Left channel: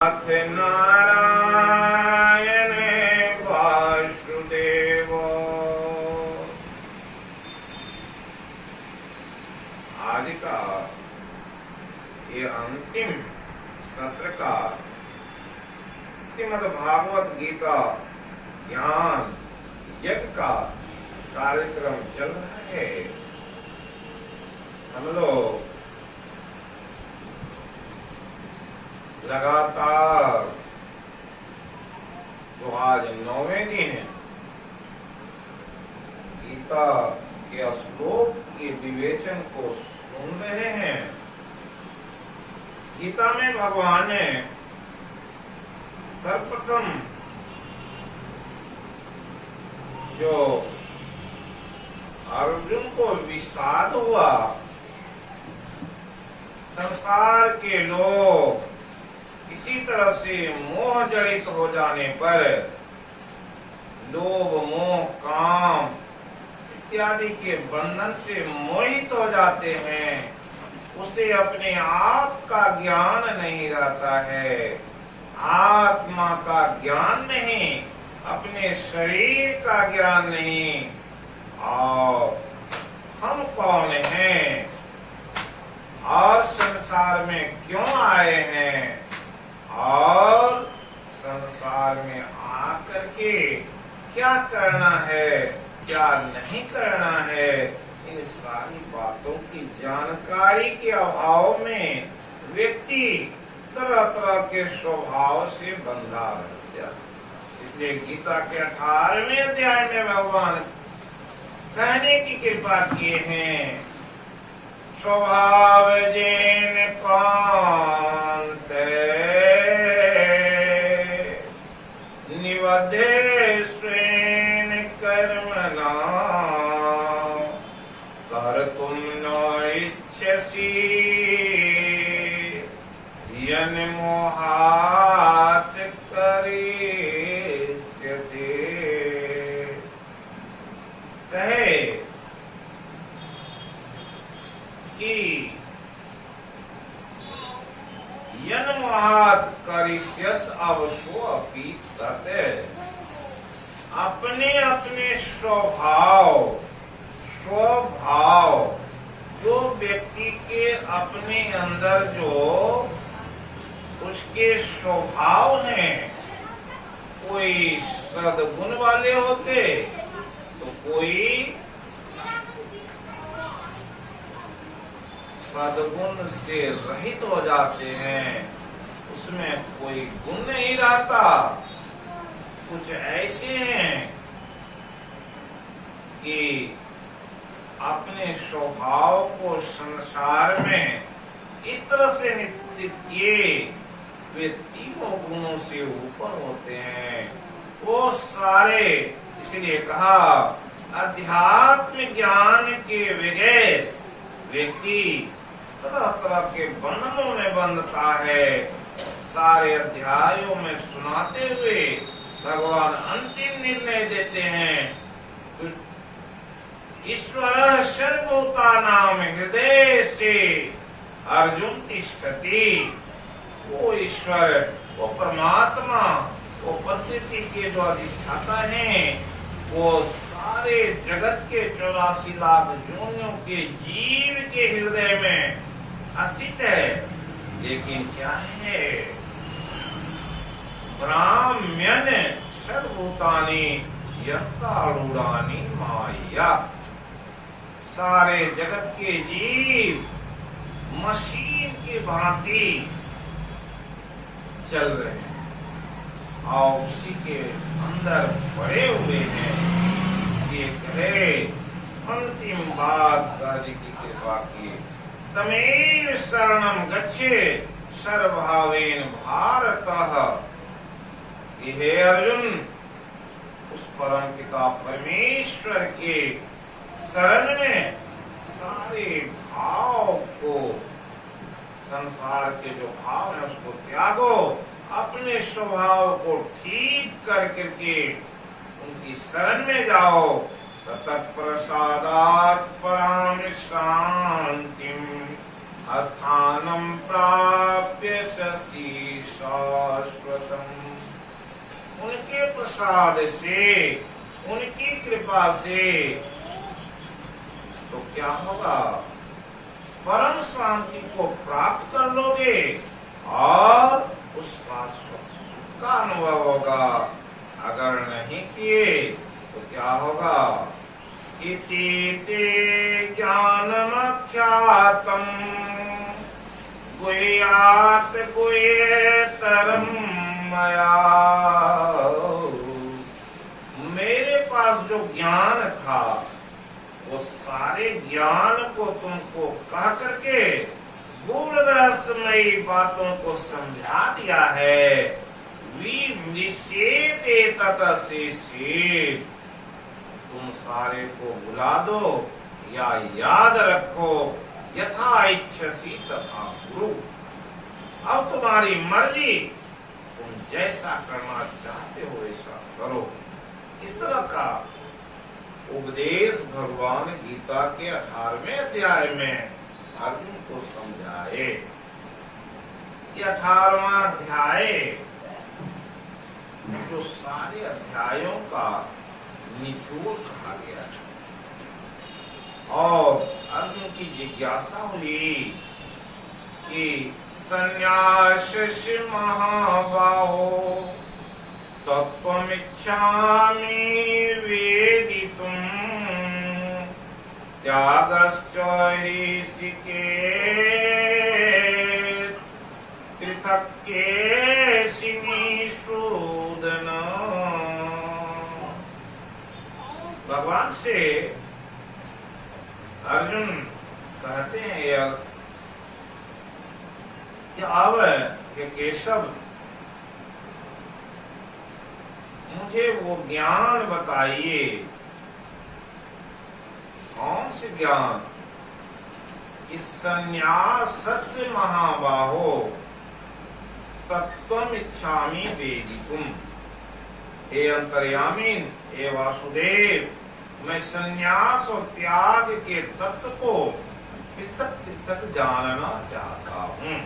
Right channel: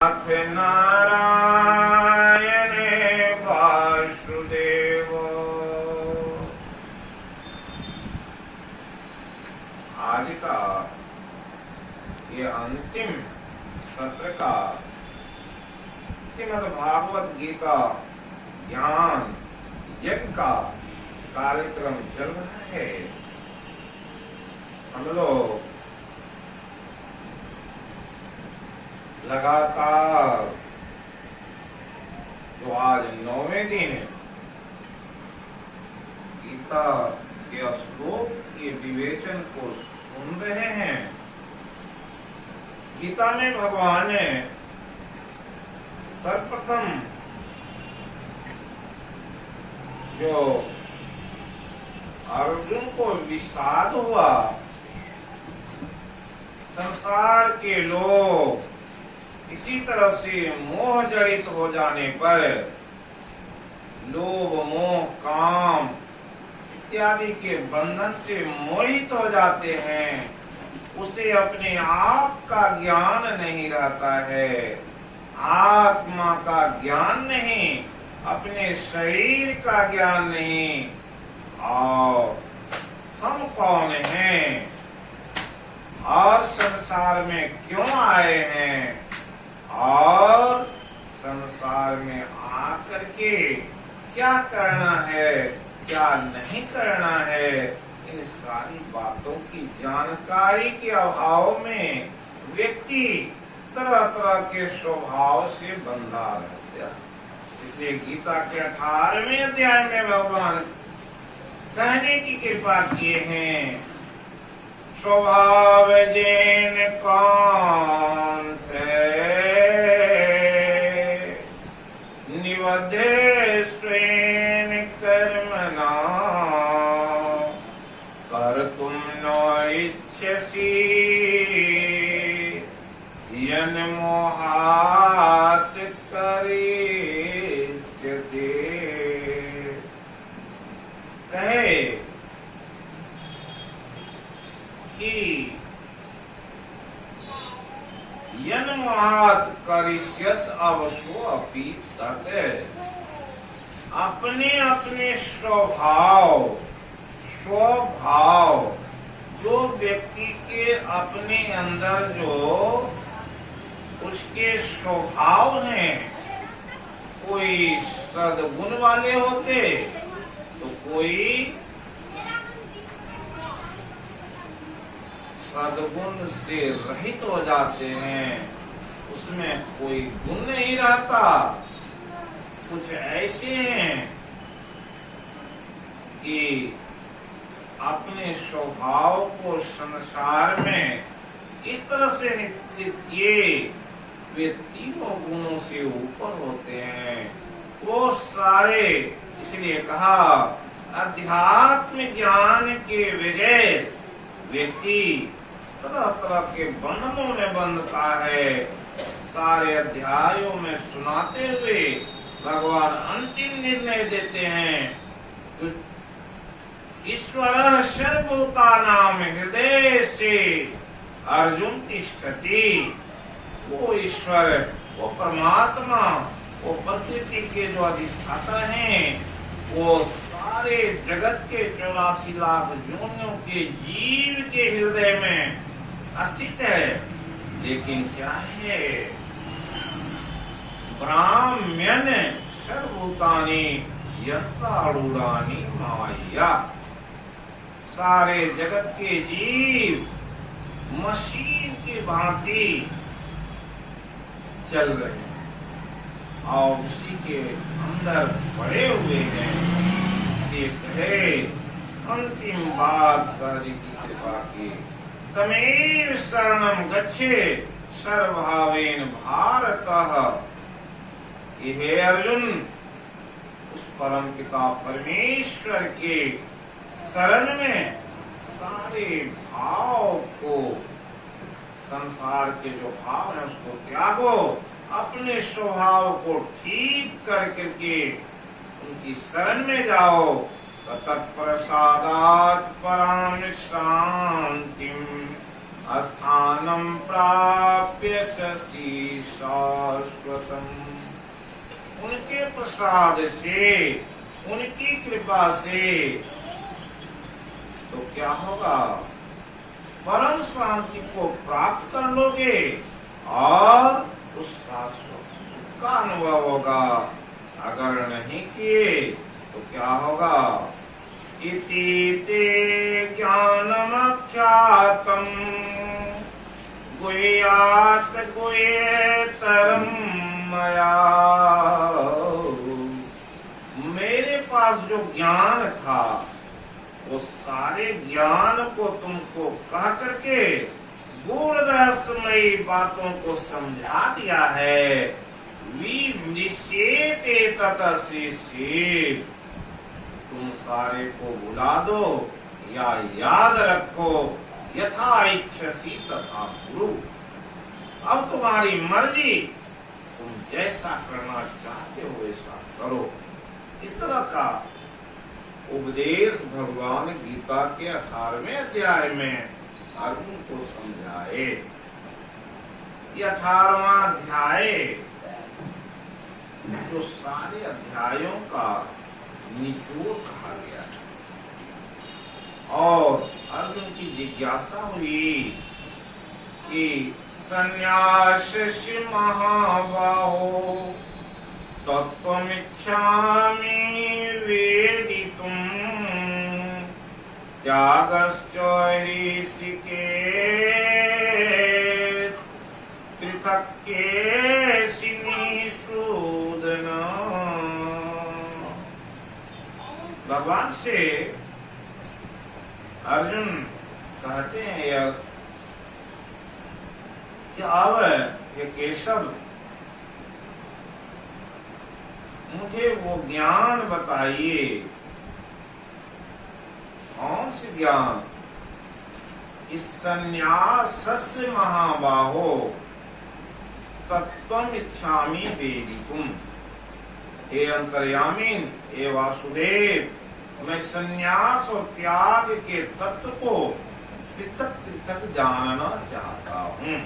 नाथ नारायण वासुदेव। आज का ये अंतिम सत्र का श्रीमद् भागवत गीता ज्ञान यज्ञ का कार्यक्रम चल रहा है। हम लोग लगातार जो आज 9वें दिन गीता के श्लोक के विवेचन को सुन रहे हैं। गीता में भगवान ने सर्वप्रथम जो अर्जुन को विषाद हुआ, संसार के लोग इसी तरह से मोह जड़ित हो जाने पर लोभ मोह काम इत्यादि के बंधन से मोहित हो जाते हैं। उसे अपने आप का ज्ञान नहीं रहता है, आत्मा का ज्ञान नहीं, अपने शरीर का ज्ञान नहीं। और हम कौन हैं और संसार में क्यों आए हैं और संसार में आकर के क्या करना है क्या नहीं करना है, इन सारी बातों की जानकारी के अभाव में व्यक्ति तरह तरह के स्वभाव से बंधा रहता है। इसलिए गीता के 18वें अध्याय में भगवान कहने की कृपा किए हैं, स्वभाव जैन कांत निवधे स्वेन कर्मणा कर्तुं न इच्छसि यन मोहात् करिष्यते। कहे कि यन मोहात् करिष्यस अवसो अपि तत्, अपने अपने स्वभाव जो व्यक्ति के अपने अंदर जो उसके स्वभाव हैं, कोई सद्गुण वाले होते तो कोई सद्गुण से रहित हो जाते हैं, उसमें कोई गुण नहीं रहता। कुछ ऐसे हैं कि अपने स्वभाव को संसार में इस तरह से निश्चित किए वे तीनों गुणों से ऊपर होते हैं। वो सारे, इसलिए कहा अध्यात्म ज्ञान के बगैर व्यक्ति तरह तरह के बंधनों में बंधता है। सारे अध्यायों में सुनाते हुए भगवान अंतिम निर्णय देते हैं, ईश्वर सर्वभूतानां हृदय से अर्जुन तिष्ठति। वो ईश्वर, वो परमात्मा, वो प्रकृति के जो अधिष्ठाता हैं, वो सारे जगत के 84 लाख योनियों के जीव के हृदय में स्थित है। लेकिन क्या है, ब्राह्मण सर्वभूतानि यत्कारूढ़ानि माया। सारे जगत के जीव मशीन की भांति चल रहे हैं और उसी के अंदर पड़े हुए हैं। ये कहे अंतिम बात करने की कृपा की, तमेव शरणं गच्छे सर्वभावेन भारतः। हे अर्जुन, उस परम पिता परमेश्वर के शरण में सारे भाव को, संसार के जो भाव है उसको त्यागो, अपने स्वभाव को ठीक कर करके उनकी शरण में जाओ। तत्प्रसादात् परां शान्तिम् अस्थानं प्राप्य शशीर्षात्। शाश्वतम। उनके प्रसाद से, उनकी कृपा से तो क्या होगा, परम शांति को प्राप्त कर लोगे और उस शाश्वत सुख का अनुभव होगा। अगर नहीं किए तो क्या होगा, इति ते ज्ञानमख्यातम् गुह्यात् गुह्येतरं मया। मेरे पास जो ज्ञान था वो सारे ज्ञान को तुमको कह करके गूढ़ रहस्यमयी बातों को समझा दिया है। विनिश्चेते ततशेषे, तुम सारे को भुला दो या याद रखो, यथा इच्छसी तथा कुरु। अब तुम्हारी मर्जी, तुम जैसा करना चाहते हो वैसा करो। इस तरह का उपदेश भगवान गीता के 18वें अध्याय में अर्जुन को समझाए। ये 18वां अध्याय जो सारे अध्यायों का निचोड़ कहा गया और अर्जुन की जिज्ञासा हुई कि संन्यास महाबाहो तत्त्वमिच्छामि वेदितुम् त्यागश्च ऋषिकेश पृथक् केशिनिषूदन। भगवान से अर्जुन कहते हैं यार कि अब ये केशव मुझे वो ज्ञान बताइए। कौन से ज्ञान? इस संन्यासस्य महाबाहो तत्त्वम् इच्छामि वेदितुम्। हे अंतर्यामीन, हे वासुदेव, मैं संन्यास और त्याग के तत्व को पृथक पृथक जानना चाहता हूँ।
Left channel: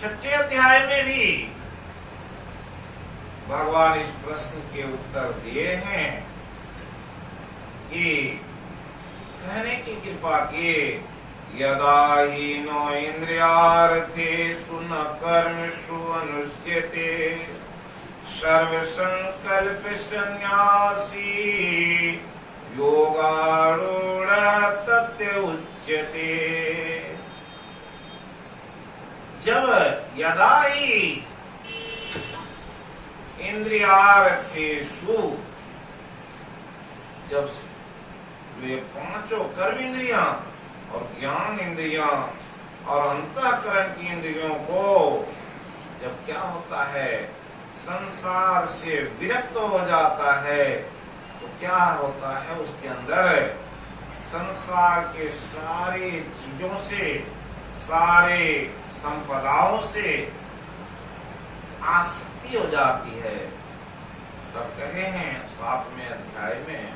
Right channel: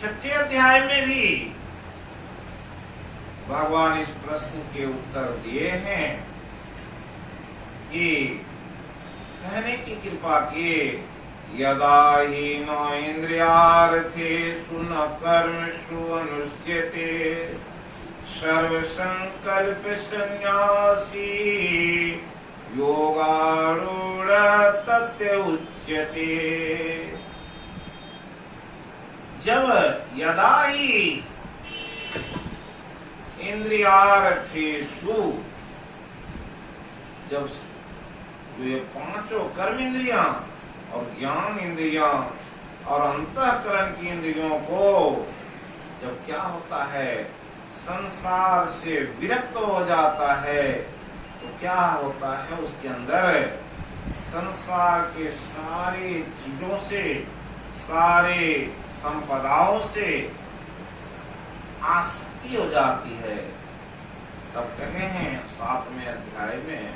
6ठे अध्याय में भी भगवान इस प्रश्न के उत्तर दिए हैं कि कहने की कृपा किए, यदा हि न इंद्रियार्थेषु न कर्मसु अनुष्ठ्यते सर्वसंकल्प सन्यासी योगारूढ़ तस्य उच्यते। जब यदा ही इंद्रियार्थेषु, जब ये पांचों कर्म इंद्रियां और ज्ञान इंद्रियां और अंतःकरण की इंद्रियों को जब क्या होता है, संसार से विरक्त हो जाता है तो क्या होता है, उसके अंदर संसार के सारे चीजों से, सारे संपदाओं से आसक्ति हो जाती है। तब कहे हैं 7वें अध्याय में,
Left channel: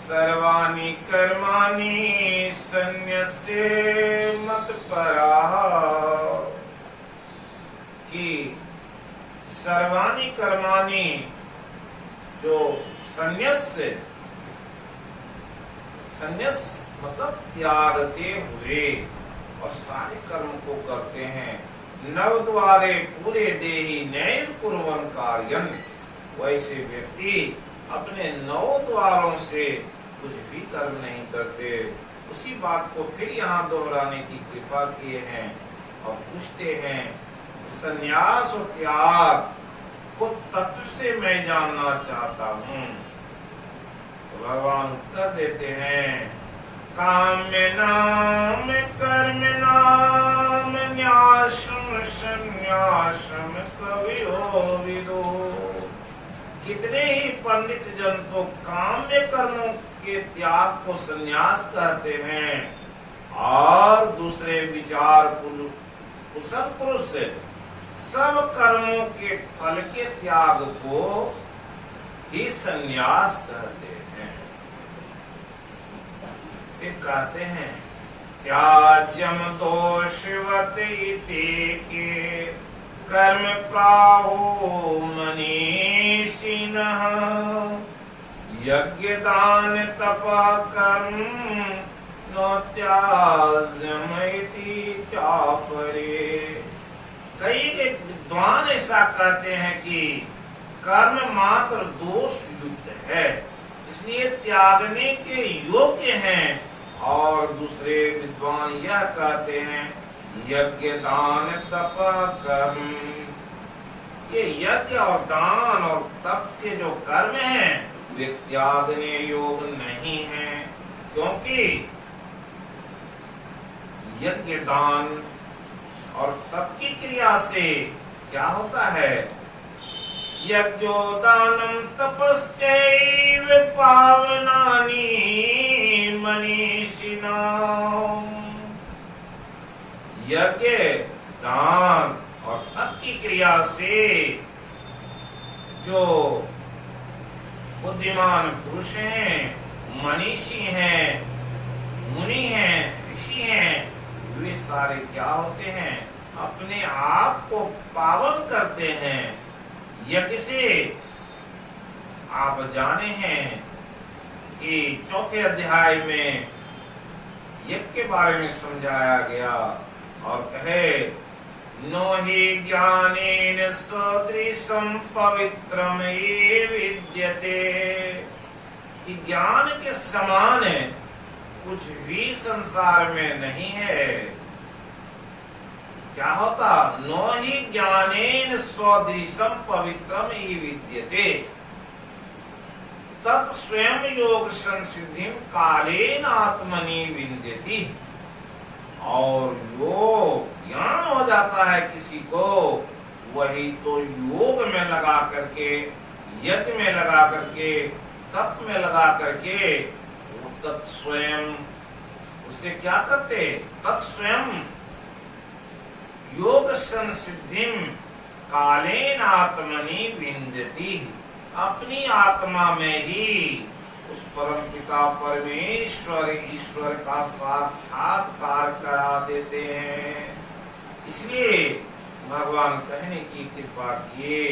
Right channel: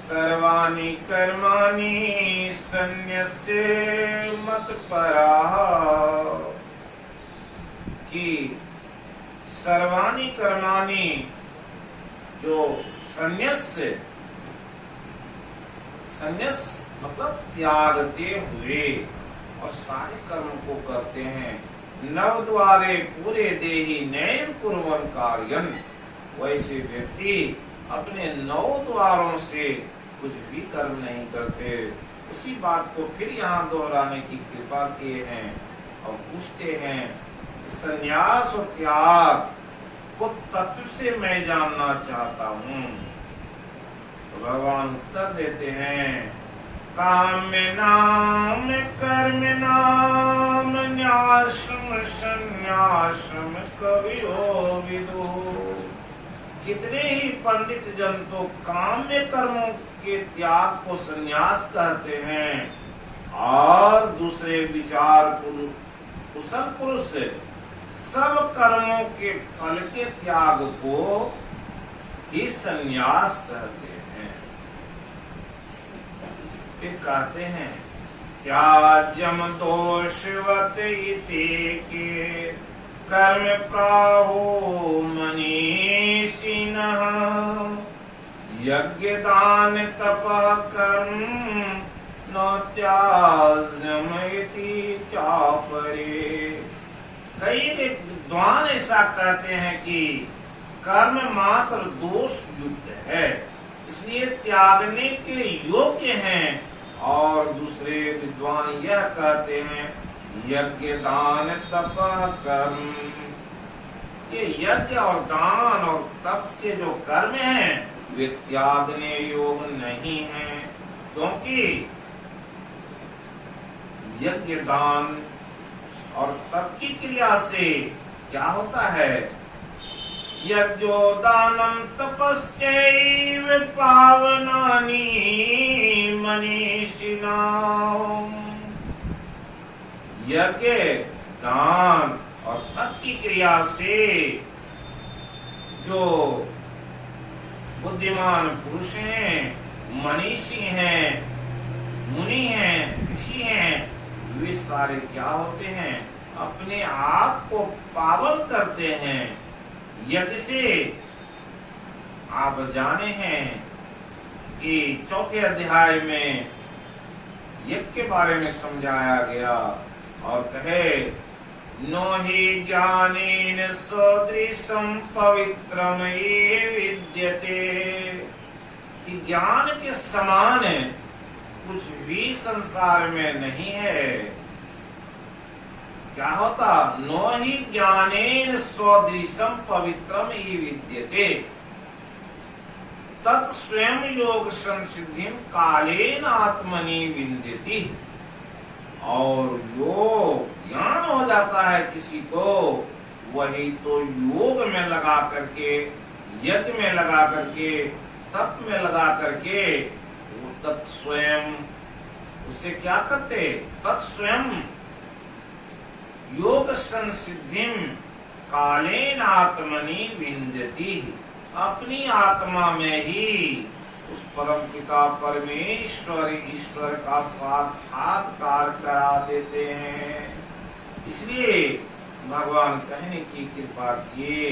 सर्वाणि कर्माणि सन्न्यस्य मत्पराः, कि सर्वाणि कर्माणि, जो संन्यास मतलब त्यागते हुए और सारे कर्म को करते हैं। नव द्वारे पूरे देहि नैव कुर्वन् कार्यं, वैसे व्यक्ति अपने 9 द्वारों से कुछ भी कर्म नहीं करते। उसी बात को फिर यहाँ दोहराने की कृपा किए हैं और पूछते हैं, संन्यास और त्याग को तत्व से मैं जानना चाहता हूँ। तो भगवान उत्तर देते हैं, काम्यनाम कर्मणाम न्यासम संन्यासम कवियो विदो। कितने ही पंडित जन तो काम्य कर्मों के त्याग को संन्यास कहते हैं और दूसरे विचार कुशल पुरुष सब कर्मों के फल के त्याग को ही संन्यास कहते हैं। फिर कहते हैं, त्याज्यम दोषवत इति के कर्म प्राहु मनीषिणः यज्ञ दान तप कर्म न त्याज्यमिति चापरे। कई विद्वान ऐसा कहते हैं कि कर्म मात्र दोष युक्त है, इसलिए त्यागने के योग्य हैं, और दूसरे विद्वान यह कहते हैं यज्ञ दान तप कर्म, ये यज्ञ और दान और तप के जो कर्म हैं वे त्यागने योग्य नहीं हैं, क्योंकि यज्ञ दान और तप की क्रिया से क्या होता है, यज्ञो दानम तपश्चैव पावनानि मनीषिणाम्। यज्ञ दान और तप की क्रिया से जो बुद्धिमान पुरुष हैं, मनीषी हैं, मुनि हैं, ऋषि हैं, वे सारे क्या होते हैं, अपने आप को पावन करते हैं। यज्ञ से आप जाने हैं कि चौथे अध्याय में यज्ञ के बारे में समझाया गया और कहे नो हि ज्ञानेन सदृशं पवित्रम ये विद्यते, कि ज्ञान के समान कुछ भी संसार में नहीं है। क्या होता, नो हि ज्ञानेन स्वदृशम पवित्रम हि विद्यते तत् स्वयं योग संसिद्धिम कालेन आत्मनि विद्यति। और योग ज्ञान हो जाता है किसी को, वही तो योग में लगा करके, यज्ञ में लगा करके, तप में लगा करके तत्स्वयं उसे क्या करते, तत्स्वयं योग संसिद्धिम कालेन आत्मनि विन्दति, अपनी आत्मा में ही उस परम पिता परमेश्वर ईश्वर का साक्षात्कार करा देते हैं। इसलिए भगवान कहने की कृपा किए।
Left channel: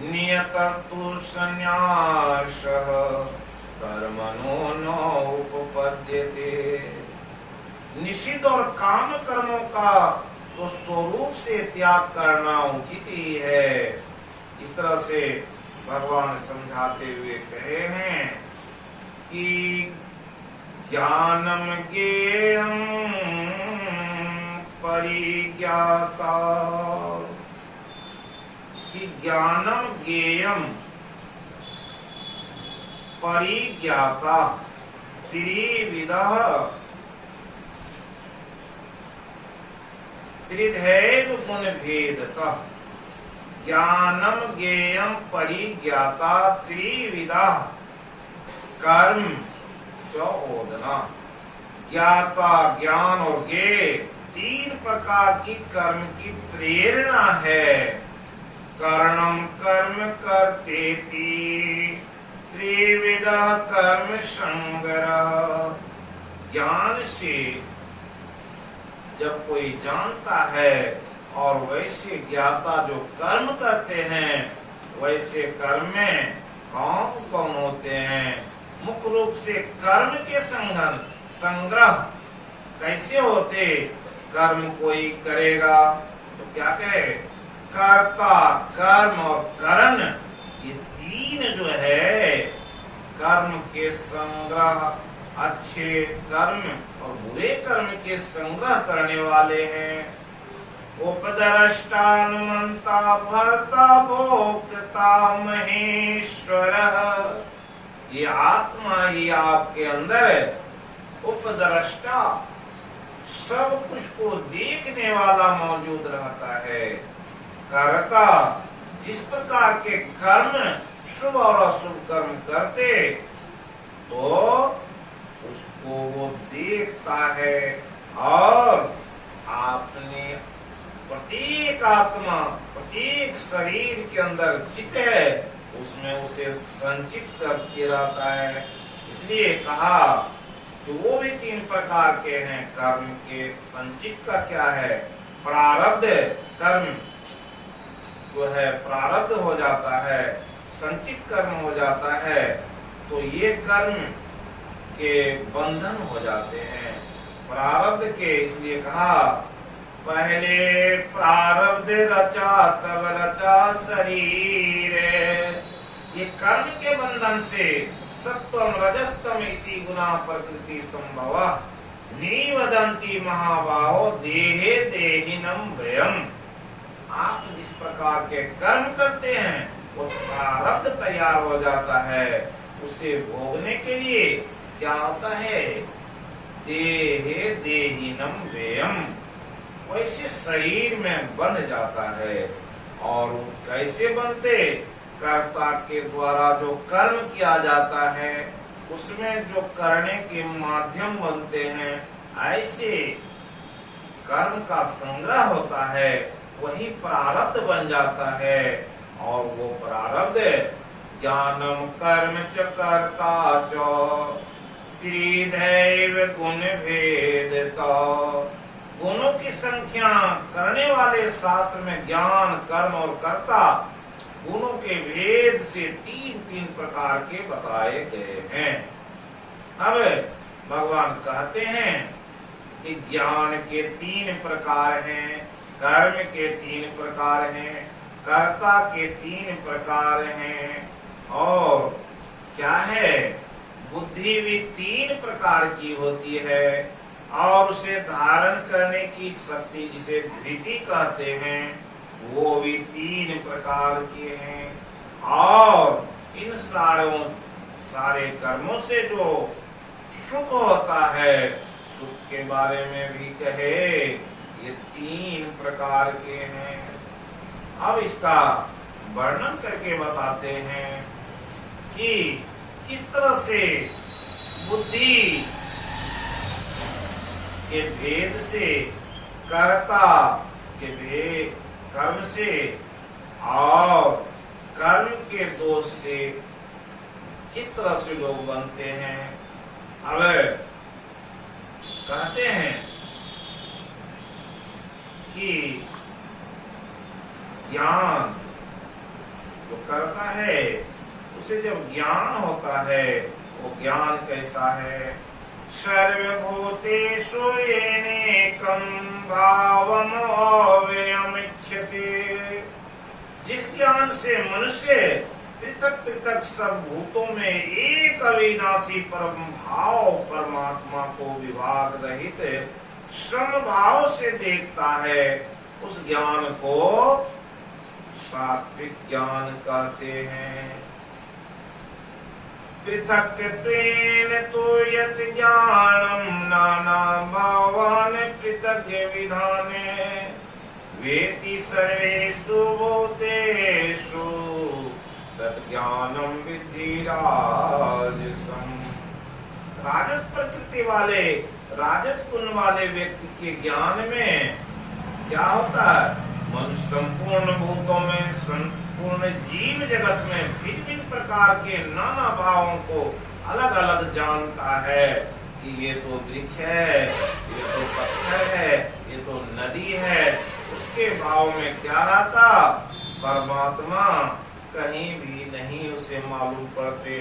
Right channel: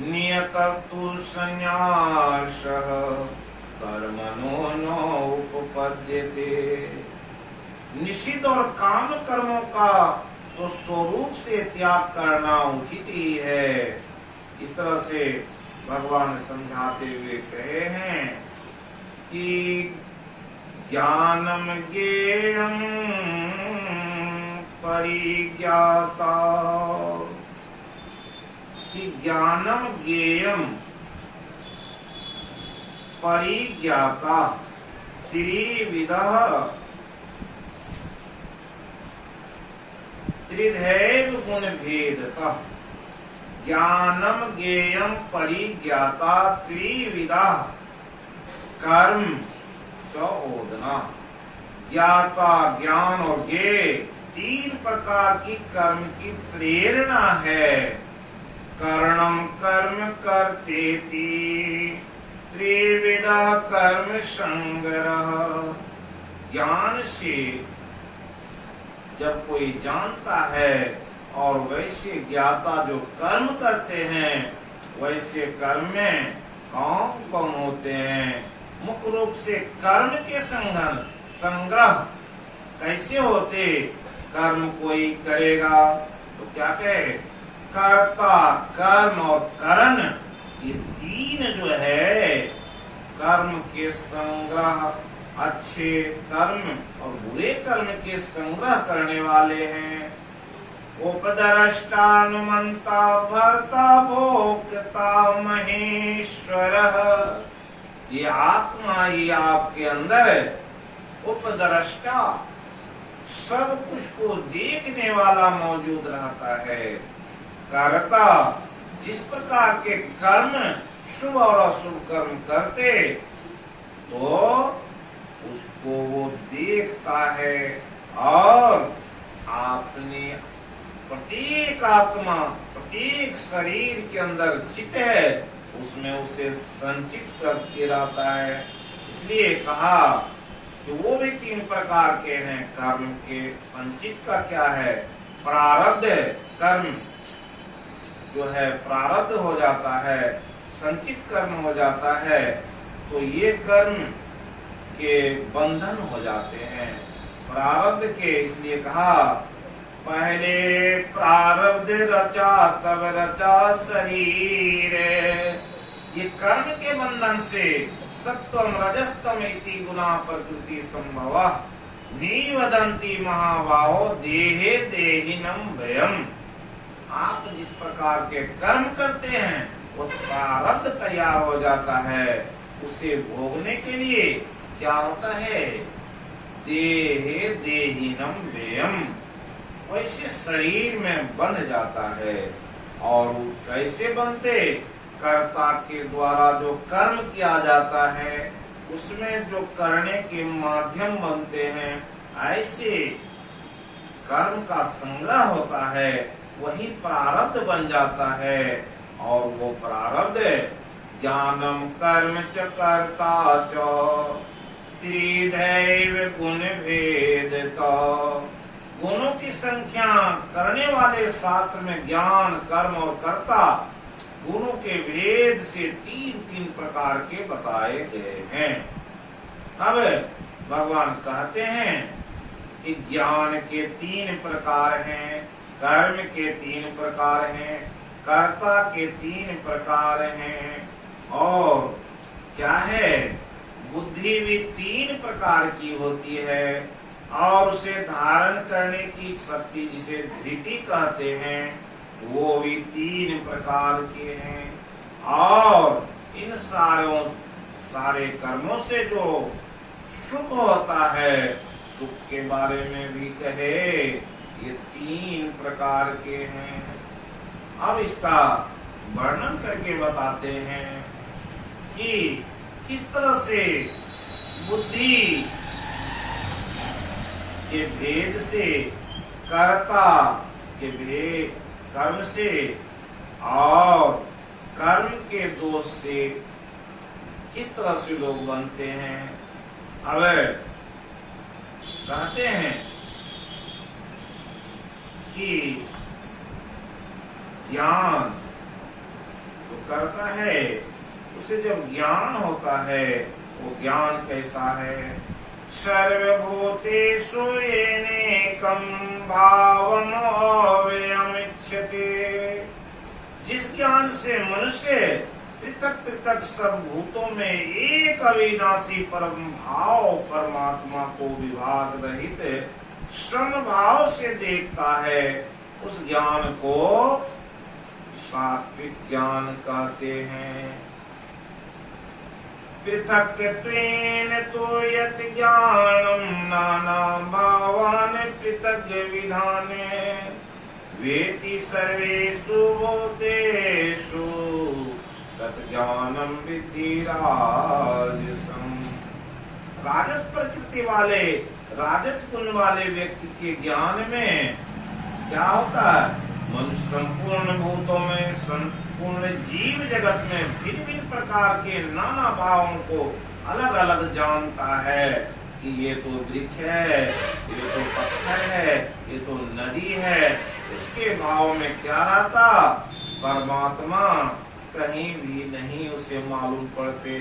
नियतस्तु संन्यासः कर्मणो नोपपद्यते। निषिद्ध और काम कर्मों का तो स्वरूप से त्याग करना उचित ही है। इस तरह से भगवान समझाते हुए कहे हैं कि ज्ञानम ज्ञेयं परिज्ञाता, कि ज्ञानम ज्ञेयम परिज्ञाता त्रिविधः त्रिधैव गुण भेदतः। ज्ञानम ज्ञेयम परिज्ञाता त्रिविधा कर्म चौदना। ज्ञाता ज्ञान और ज्ञेय तीन प्रकार की कर्म की प्रेरणा है। कर्णम कर्म कर्तेति त्रिविधा कर्म संग्रह। ज्ञान से जब कोई जानता है और वैसे ज्ञाता जो कर्म करते हैं, वैसे कर्म में कौन कौन होते हैं। मुख्य रूप से कर्म के संग्रह कैसे होते, कर्म कोई करेगा तो क्या कहे, कर्ता कर्म और करण, ये तीन जो है कर्म के संग्रह, अच्छे कर्म और बुरे कर्म के संग्रह करने वाले हैं। उपद्रष्टानुमंता भर्ता भोक्ता महेश्वर। ये आत्मा ही आपके अंदर उपद्रष्टा, सब कुछ को देखने वाला मौजूद रहता है। कर्ता, जिस प्रकार के कर्म शुभ और अशुभ कर्म करते तो उसको वो देखता है और आपने प्रत्येक आत्मा, प्रत्येक शरीर के अंदर चित्त है, उसमें उसे संचित करके रहता है। इसलिए कहा कि वो भी 3 प्रकार के हैं कर्म के। संचित का क्या है? प्रारब्ध कर्म जो है प्रारब्ध हो जाता है, संचित कर्म हो जाता है, तो ये कर्म के बंधन हो जाते हैं प्रारब्ध के। इसलिए कहा पहले प्रारब्ध रचा तब रचा शरीर। ये कर्म के बंधन से सत्वम रजस्तम इति गुना प्रकृति संभव निवदंती महाबाहो देहे देहिनम भयम। आप जिस प्रकार के कर्म करते हैं वो प्रारब्ध तैयार हो जाता है, उसे भोगने के लिए क्या होता है? देहे देहिनम व्ययम, वैसे शरीर में बंध जाता है। और कैसे बनते? कर्ता के द्वारा जो कर्म किया जाता है उसमें जो करने के माध्यम बनते हैं, ऐसे कर्म का संग्रह होता है, वही प्रारब्ध बन जाता है। और वो प्रारब्ध ज्ञानम कर्म च कर्ता च त्रिदैव गुण भेद का। गुणों की संख्या करने वाले शास्त्र में ज्ञान, कर्म और कर्ता गुणों के भेद से 3 प्रकार के बताए गए हैं। अब भगवान कहते हैं कि ज्ञान के 3 प्रकार हैं, कर्म के 3 प्रकार हैं, कर्ता के 3 प्रकार हैं, और क्या है? बुद्धि भी 3 प्रकार की होती है, और उसे धारण करने की शक्ति जिसे धृति कहते हैं वो भी 3 प्रकार के हैं। और इन सारे कर्मों से जो सुख होता है, सुख के बारे में भी कहे ये 3 प्रकार के हैं। अब इसका वर्णन करके बताते हैं कि किस तरह से बुद्धि के भेद से, कर्ता के भेद कर्म से और कर्म के दोष से किस तरह से लोग बनते हैं। अब कहते हैं कि ज्ञान तो करता है, उसे जब ज्ञान होता है, वो ज्ञान कैसा है? सर्वभूतेषु येनेकं भावम् अव्ययमिच्छति। जिस ज्ञान से मनुष्य पृथक पृथक सब भूतों में एक अविनाशी परम भाव परमात्मा को विभाग रहित श्रम भाव से देखता है, उस ज्ञान को सात्विक ज्ञान कहते हैं। पृथक्त्वेन तु यत् ज्ञानं नाना भावान् पृथग् विधाने वेति सर्वेषु भूतेषु तत् ज्ञानं विद्धि राजसम्। राजस प्रकृति वाले, राजस गुण वाले व्यक्ति के ज्ञान में क्या होता है? मनुष्य संपूर्ण भूतों में, संपूर्ण जीव जगत में भिन्न भिन्न प्रकार के नाना भावों को अलग अलग जानता है कि ये तो वृक्ष है, ये तो पत्थर है, ये तो नदी है। उसके भाव में क्या रहता? परमात्मा कहीं भी नहीं उसे मालूम पड़ते।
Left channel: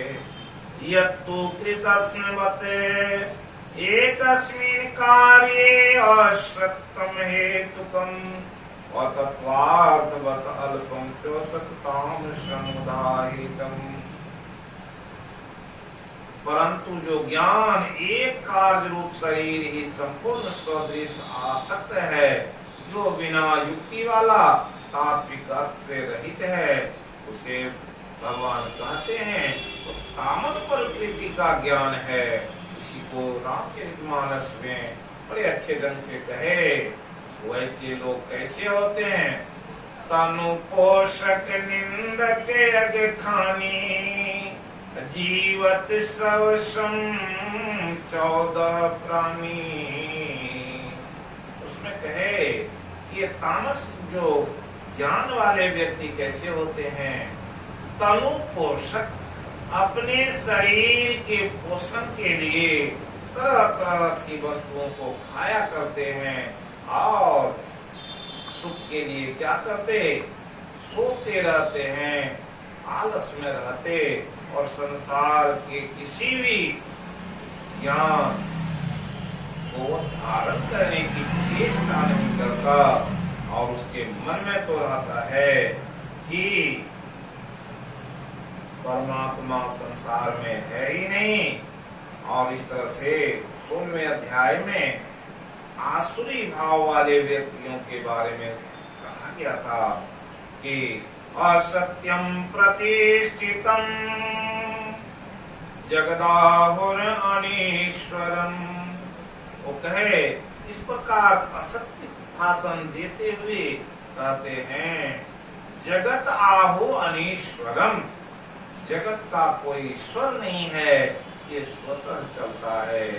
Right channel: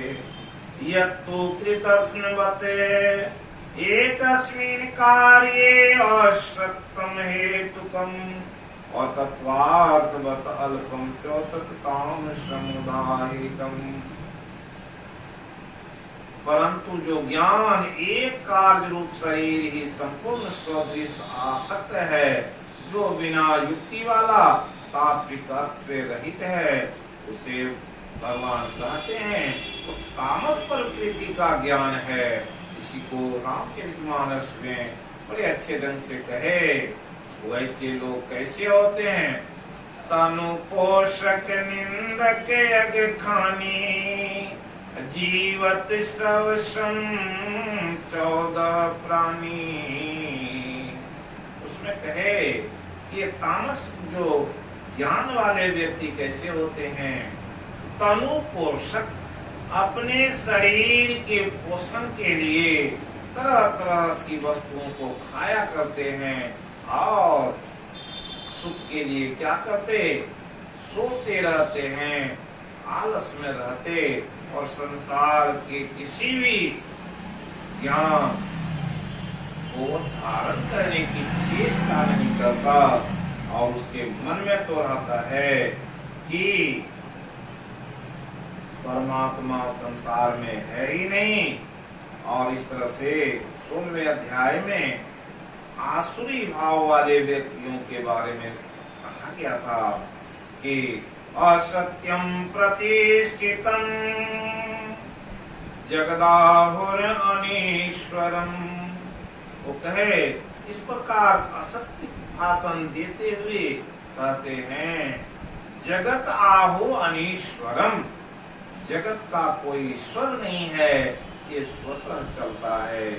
यत्तु कृतस्मिन्वते एकस्मिन् कार्ये अशक्तम् हेतुकम् अतत्वार्थवत् अल्पं च तत्ताम समुदाहितम्। परंतु जो ज्ञान एक कार्य रूप शरीर ही संपूर्ण स्वदृश आसक्त है, जो बिना युक्ति वाला तात्विक अर्थ से रहित है, उसे भगवान कहते हैं तो तामस प्रकृति का ज्ञान है। इसी को रामचरितमानस में बड़े अच्छे ढंग से कहे। वैसे लोग कैसे होते हैं? तनु पोषक निंदक यज्ञ खानी जीवत सवसम 14 प्राणी। उसमें कहे ये तामस जो ज्ञान वाले व्यक्ति कैसे होते हैं? तनु पोषक, अपने शरीर के पोषण के लिए तरह तरह की वस्तुओं को खाया करते हैं और सुख के लिए क्या करते? सोते रहते हैं, आलस में रहते और संसार के किसी भी ज्ञान को धारण करने की चेष्टा नहीं करता और उसके मन में तो रहता है कि परमात्मा संसार में है ही नहीं। और इस तरह से 16वें अध्याय में आसुरी भाव वाले व्यक्तियों के बारे में कहा गया था कि असत्यम प्रतिष्ठितम जगदाहुर अनीश्वरम। वो कहे इस प्रकार असत्य भाषण देते हुए कहते हैं जगत आहु अनीश्वरम, जगत का कोई ईश्वर नहीं है, ये स्वतः चलता है।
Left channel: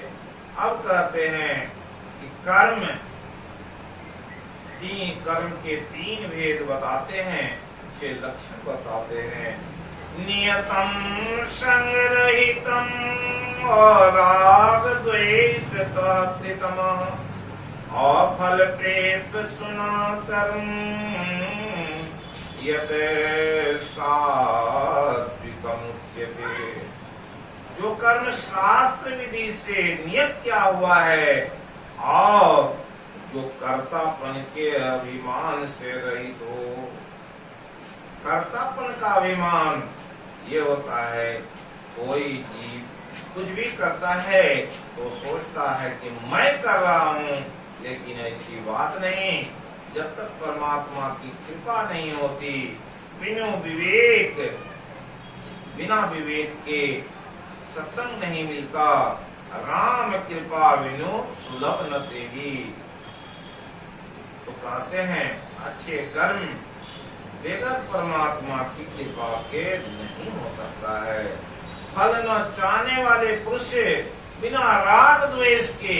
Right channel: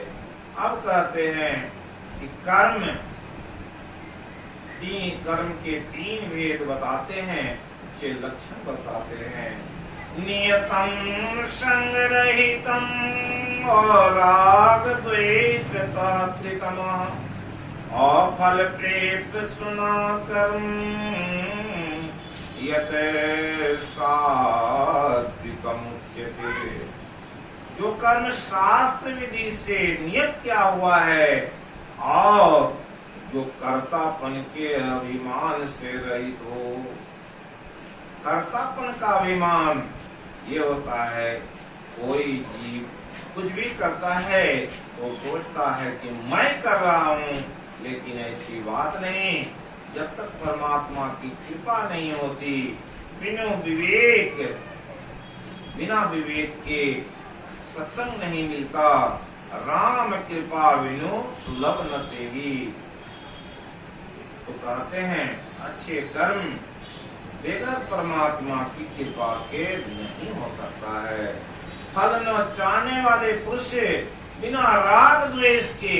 अब कहते हैं कि कर्म के 3 भेद बताते हैं, 6 लक्षण बताते हैं। नियतम संग्रहितम और राग द्वेष कृतम और फल प्रेत सुना कर्म यत सात्विकम उच्यते। जो कर्म शास्त्र विधि से नियत किया हुआ है और जो कर्तापन के अभिमान से रहित हो। कर्तापन का अभिमान ये होता है कोई जीव कुछ भी करता है तो सोचता है कि मैं कर रहा हूँ, लेकिन ऐसी बात नहीं। जब तक परमात्मा की कृपा नहीं होती, बिना विवेक के सत्संग नहीं मिलता। राम कृपा बिनु सुलभ न तेही। तो कहते हैं अच्छे कर्म बगैर परमात्मा की कृपा के नहीं हो सकता है। फल न चाहने वाले पुरुष बिना राग द्वेष के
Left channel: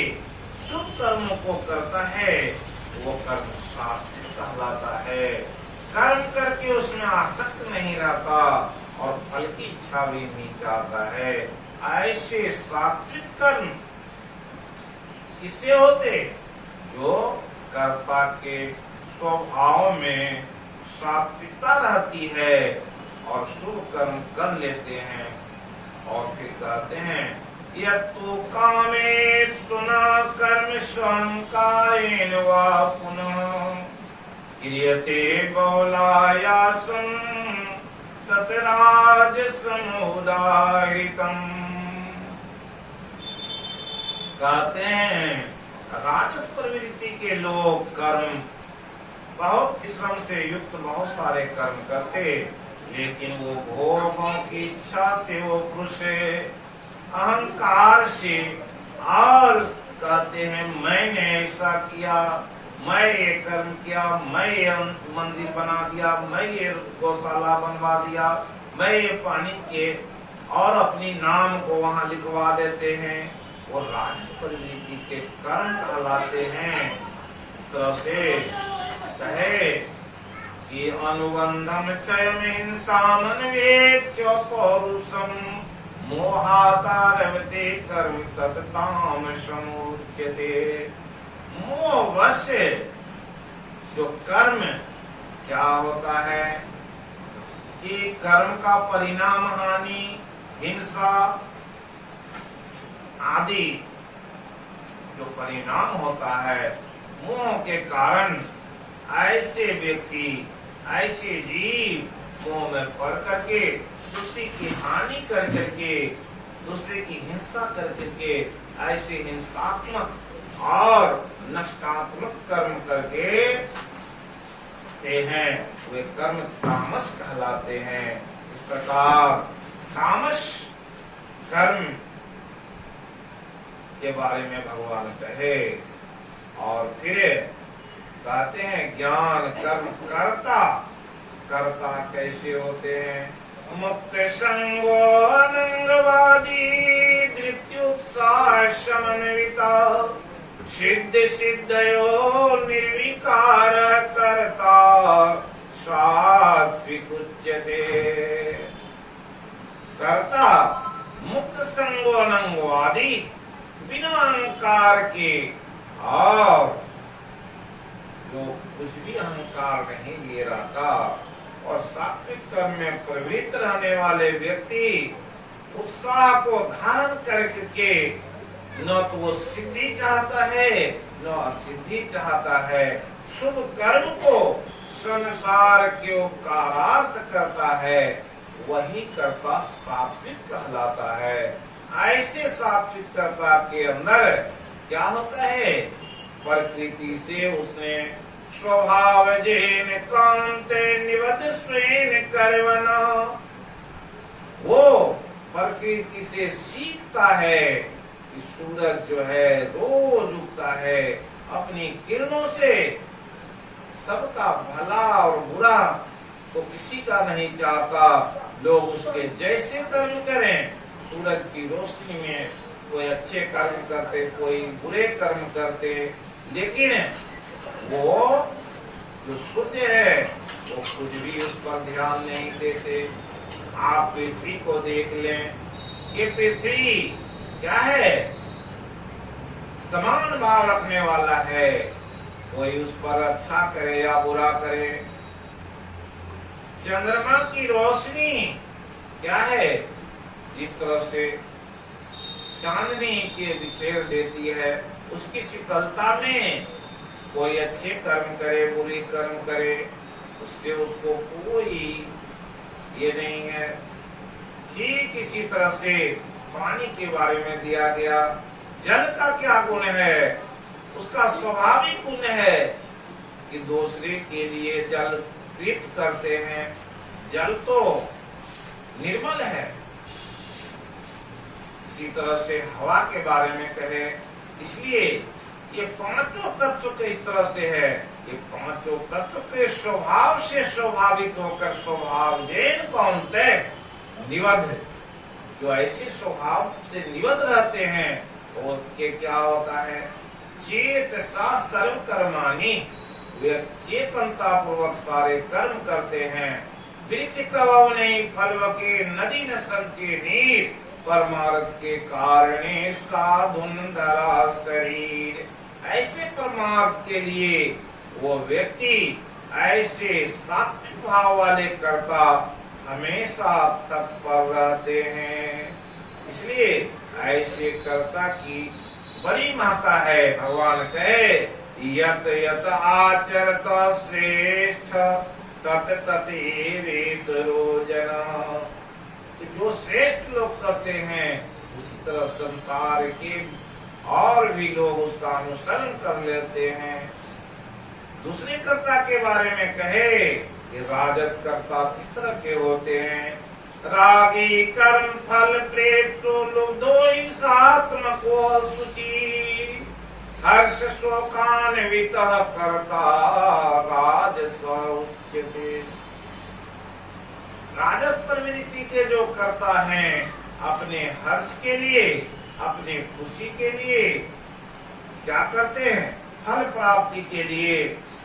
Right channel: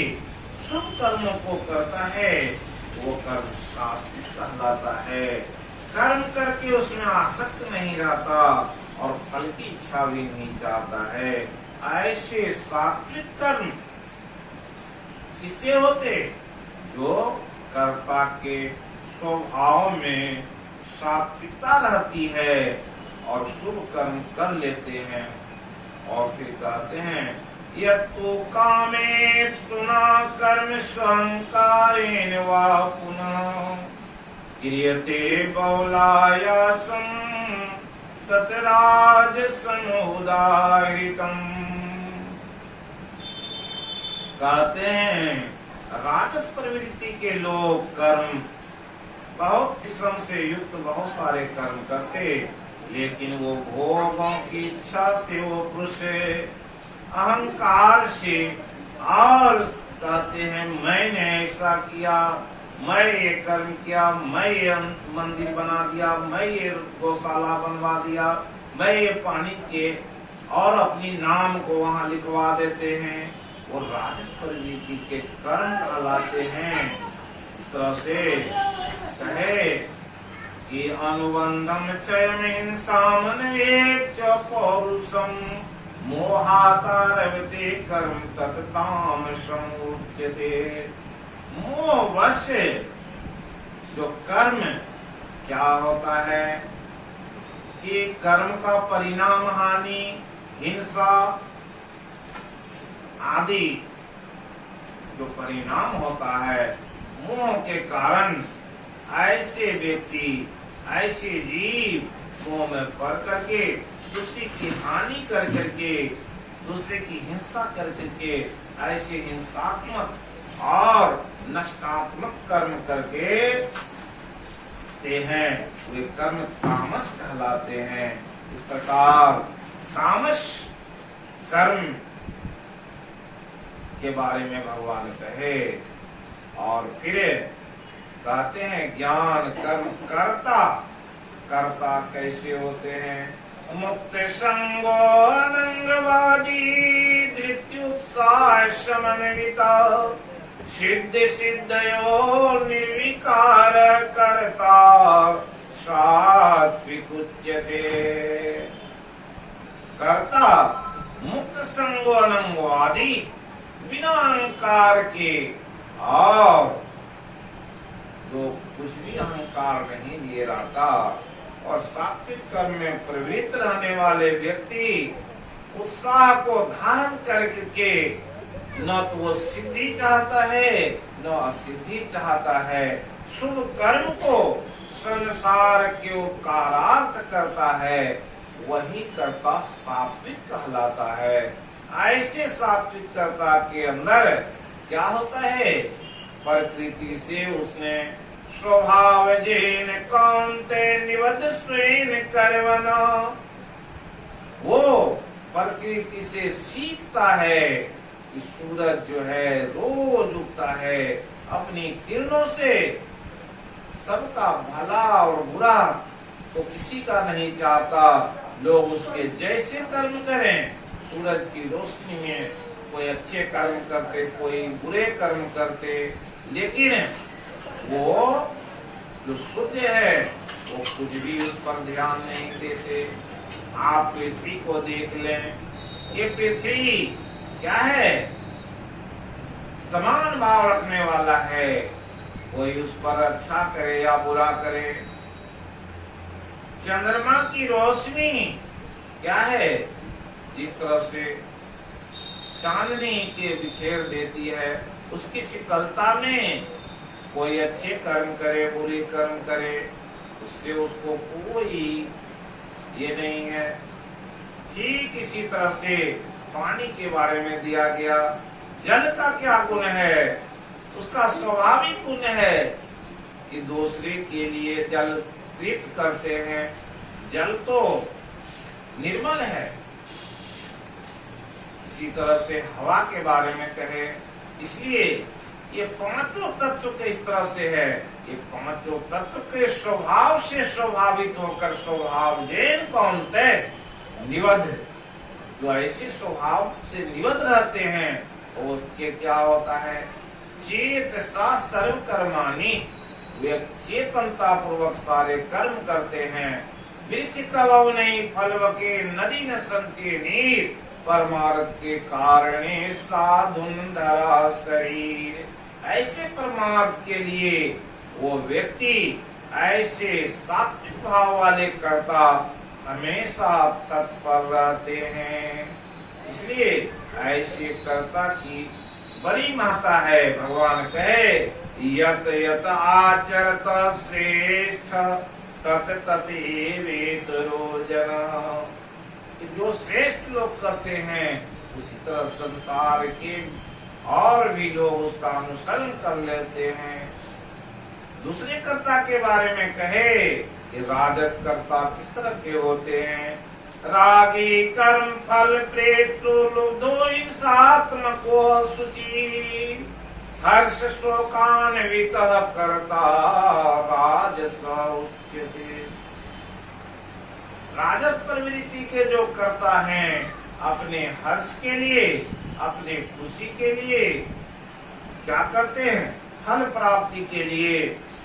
शुभ कर्मों को करता है, वो कर्म सात्विक कहलाता है। कर्म करके उसमें आसक्त नहीं रहता और फल की इच्छा भी नहीं चाहता है। ऐसे सात्विक कर्म किससे होते? जो कर्ता के स्वभाव में सात्विकता रहती है और शुभ कर्म कर लेते हैं। और फिर कहते हैं यत्तु कामे तुना कर्म स्वयं कायेन वा पुनः क्रियते बहुलायासं तत्राज समुदायितम। कहते हैं राजस प्रवृत्ति के लोग कर्म बहुत श्रम से युक्त बहुत सारे कर्म करते, लेकिन वो भोगों की इच्छा से वो पुरुष अहंकार से और कहते हैं मैंने ऐसा किया, मैं ये कर्म किया, मैं ये मंदिर बना दिया, मैं ये गौशाला बनवा दिया, मैं ये पानी के और अपनी नाम को वहाँ लिखवा देते हैं। वो राजस प्रवृत्ति के कर्म कहलाते हैं। इस तरह से कहे कि अनुबंधम क्षयम हिंसामन्वेक्ष पौरुषम मोहातारवते कर्म तत्तामसं उच्यते। मोहवश जो कर्म क्या होता है कि कर्म का परिणाम हानि, हिंसा आदि जो परिणाम होता है, मोह के कारण ऐसे व्यक्ति ऐसे जीव मोह में पड़ करके दूसरे की हानि कर करके दूसरे की हिंसा कर करके ऐसे हिंसात्मक और नष्टात्मक कर्म करके ते हैं, वे कर्म तामस कहलाते हैं। इस प्रकार तामस कर्म के बारे में भगवान कहे। और फिर कहते हैं ज्ञान कर्म कर्ता, कर्ता कैसे होते हैं? मुक्त संगो अनंगवादी धृत्युत्साह समन्विता सिद्ध सिद्धयो निर्विकार कर्ता सात्विक उच्यते। कर्ता मुक्त संगो अनंगो आदि बिना अहंकार के और जो कुछ भी अहंकार नहीं लिए रहता और सात्विक कर्म में प्रवृत्त रहने वाले व्यक्ति उत्साह को धारण करके न तो वो सिद्धि चाहता है न असिद्धि चाहता है, शुभ कर्म को संसार के उपकारार्थ करता है, वही कर्ता सात्विक कहलाता है। ऐसे सात्विक कर्ता के अंदर क्या होता है, प्रकृति से उसने स्वभाव जेन कांते निवद स्वेन कर्मणा, वो प्रकृति से सीखता है कि सूरज जो है रोज उगता है, अपनी किरणों से सबका भला और बुरा तो किसी का नहीं चाहता, लोग उसके जैसे कर्म करें। सूरज की रोशनी में कोई अच्छे कर्म करते, कोई बुरे कर्म करते, लेकिन वो जो शुद्ध है वो कुछ भी उस पर ध्यान नहीं देते। आप पृथ्वी को देख लें, ये पृथ्वी क्या है, समान भाव रखने वाला है, कोई उस पर अच्छा करे या बुरा करे। चंद्रमा की रोशनी क्या है, जिस तरह से चांदनी के बिखेर देती है, उसकी शीतलता में कोई अच्छे कर्म करे बुरे कर्म करे उससे उसको कोई ये नहीं है। ठीक इसी तरह से पानी के बारे में दिया गया, जल का क्या गुण है, उसका स्वाभाविक गुण है कि दूसरे के लिए जल तृप्त करते हैं। जल तो निर्मल है। इसी तरह से हवा के बारे में कहे, इसलिए ये पांचों तत्व के इस तरह से है, ये पांचों तत्व के स्वभाव से स्वाभाविक होकर स्वभाव जैन कौनते निबद्ध, जो ऐसे स्वभाव से निबद्ध रहते हैं तो उसके क्या होता है, चेत सा सर्व कर्माणी, वे चेतनता पूर्वक सारे कर्म करते हैं। वृक्ष कवौ नहीं फलव के नदी न संचे नीर, परमार्थ के कारणे साधुन धरा शरीर। ऐसे परमार्थ के लिए वो व्यक्ति, ऐसे सात्विक भाव वाले कर्ता हमेशा तत्पर रहते हैं। इसलिए ऐसे कर्ता की बड़ी महत्ता है। भगवान कहे यत यत आचरत श्रेष्ठ तत ततेवेतरो जना, जो श्रेष्ठ लोग करते हैं उसी तरह संसार के और भी लोग उसका अनुसरण कर लेते हैं। दूसरे कर्ता के बारे में कहे कि राजस कर्ता किस तरह के होते हैं, रागी कर्म फल प्रेतो लुब्धो हिंसात्मको शुचि, हर्ष शोकान्वित कर्ता राजस उच्यते। राजस प्रवृत्ति के जो कर्ता हैं, अपने हर्ष के लिए, अपने खुशी के लिए क्या करते हैं, फल प्राप्ति के लिए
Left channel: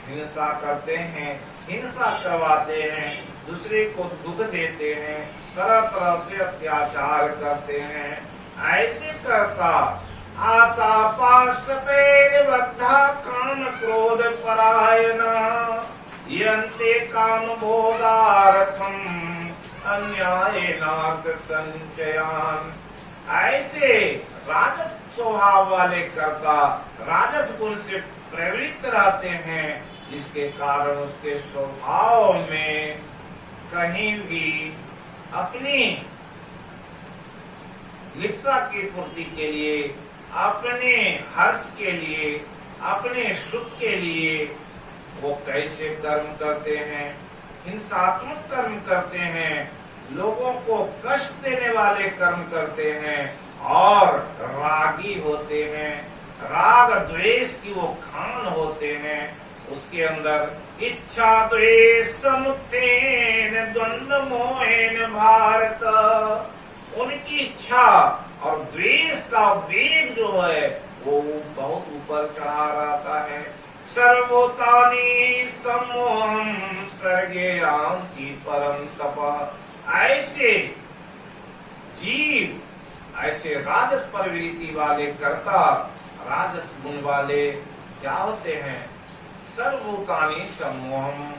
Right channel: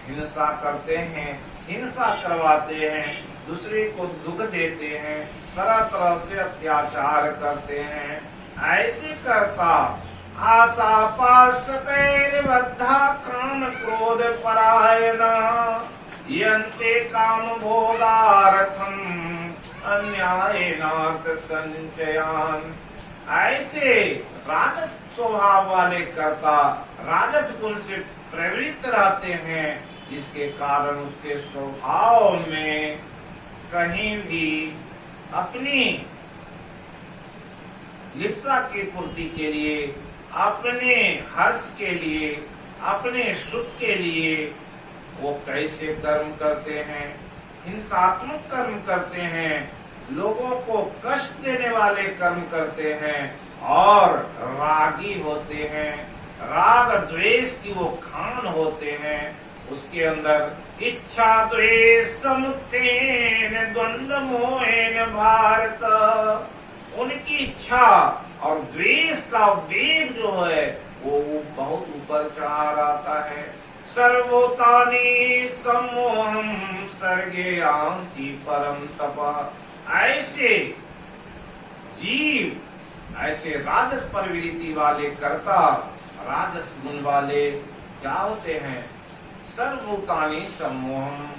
हिंसा करते हैं, हिंसा करवाते हैं, दूसरे को दुख देते हैं, तरह तरह से अत्याचार करते हैं। ऐसे कर्ता आशा पाशतैर बद्धा काम क्रोध परायण, यन्ते काम भोगार्थम अन्यायनार्थ संचयान। ऐसे राजस स्वभाव वाले कर्ता राजस गुण से प्रवृत्त रहते हैं, जिसके कारण उसके स्वभाव में कहीं भी अपनी लिप्सा की पूर्ति के लिए, अपने हर्ष के लिए, अपने सुख के लिए वो कैसे कर्म करते हैं, हिंसात्मक कर्म करते हैं, लोगों को कष्ट देने वाले कर्म करते हैं और रागी होते हैं। राग द्वेष की वो खान होते हैं, उसके अंदर इच्छा द्वेष समुत्थेन द्वंद्व मोहेन भारत, उनकी इच्छा और द्वेष का वेग जो है वो बहुत ऊपर चढ़ा रहता है। सर्वभूतानि सम्मोहम सर्गे यान्ति परम तप। ऐसे जीव, ऐसे राजस प्रवृत्ति वाले कर्ता, राजस गुण वाले क्या होते हैं? सर्वभूतानि सम्मोहम,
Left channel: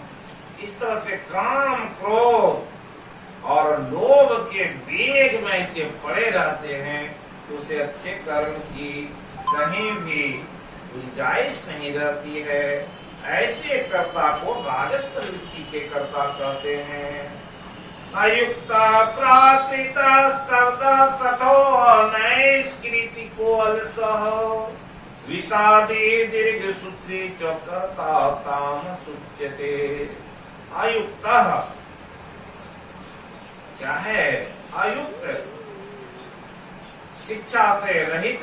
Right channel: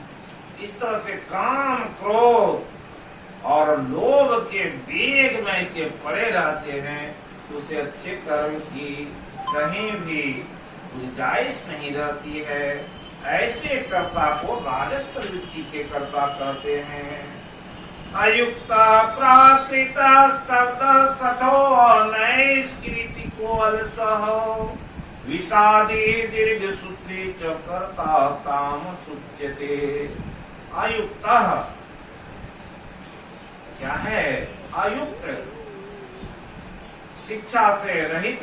इस तरह से काम, क्रोध और लोभ के वेग में से पड़े रहते हैं, तो उसे अच्छे कर्म की कहीं भी गुंजाइश नहीं रहती है। ऐसे कर्ता को राजस प्रवृत्ति के कर्ता कहते हैं। अयुक्त प्राकृत स्तब्ध सखो नैष्कृति को अलसह विषादी दीर्घ सूत्री च कर्ता काम सुच्यते। अयुक्त क्या है? अयुक्त, शिक्षा से रहित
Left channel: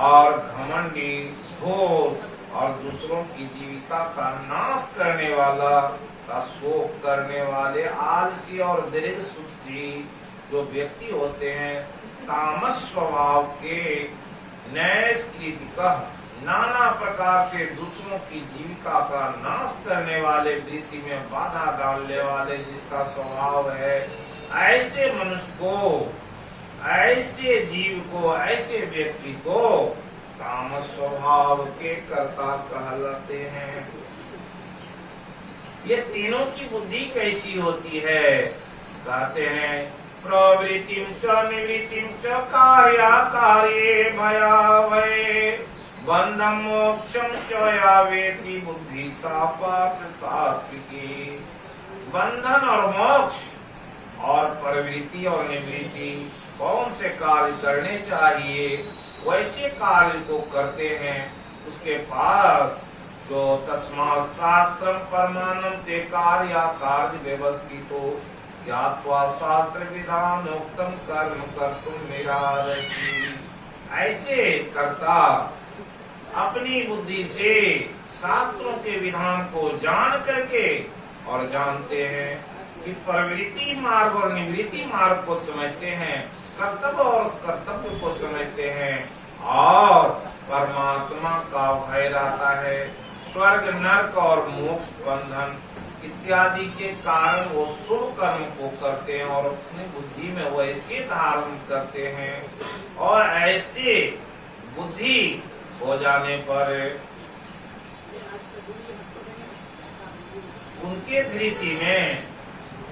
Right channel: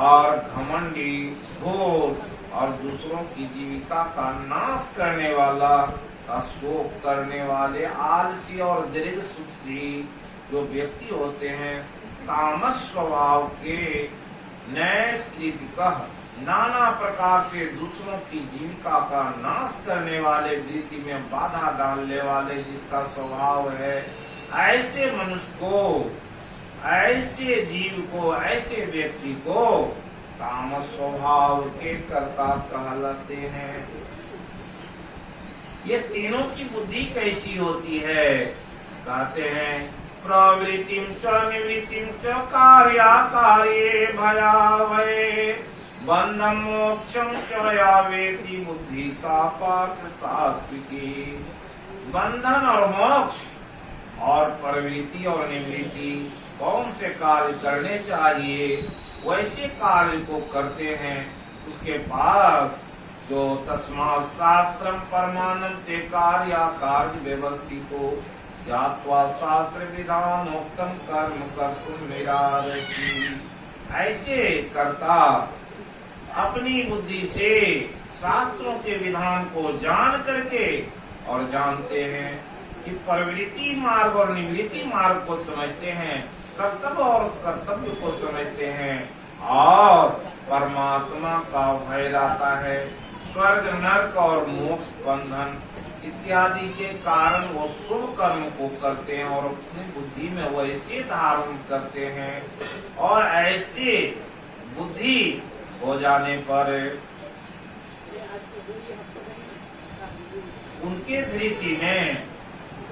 और घमंडी, घोर और दूसरों की जीविका का नाश करने वाला, का शोक करने वाले, आलसी और दीर्घ सूत्री जो व्यक्ति होते हैं, तामस स्वभाव के, नैष्कृतिक, नाना प्रकार से दूसरों की जीविका का नाश करने वाले, वृत्ति में बाधा डालने वाले जिसका स्वभाव है, ऐसे मनुष्य को, ऐसे जीव को, ऐसे व्यक्ति को तामस स्वभाव के कर्ता कहलाते हैं। ये तीनों की बुद्धि कैसी होती है? कहते हैं प्रवृत्तिम च निवृत्तिम च कार्याकार्ये भयावहे बंधम मोक्षम च यावेति बुद्धि सा पार्थ सात्विकी। बंधन और मोक्ष और प्रवृत्ति और निवृत्ति कौन से कार्य करने चाहिए, वैसे कार्य को करते हैं। उसके पास जो तस्मात् शास्त्रम परमाणम ते कार्य कार्य व्यवस्थितो ज्ञात्वा शास्त्र विधानोक्तम कर्म कर्तुम निरारति। ऐसे कर्ता अपनी बुद्धि से शास्त्रों के विधान को जान करके और जानते हैं कि प्रवृत्ति मार्ग और निवृत्ति मार्ग को समझते हैं, कर्तव्य और कर्तव्य को समझते हैं और परमात्मा का भय रहता है। स्वर्ग, नरक और मोक्ष, बंधन इत्यादि के कारण वो शुभ कर्म को करते हैं और अपनी बुद्धि में वैसे धारण करते हैं। और ऐसे बुद्धि हो जाने पर उनके धृति में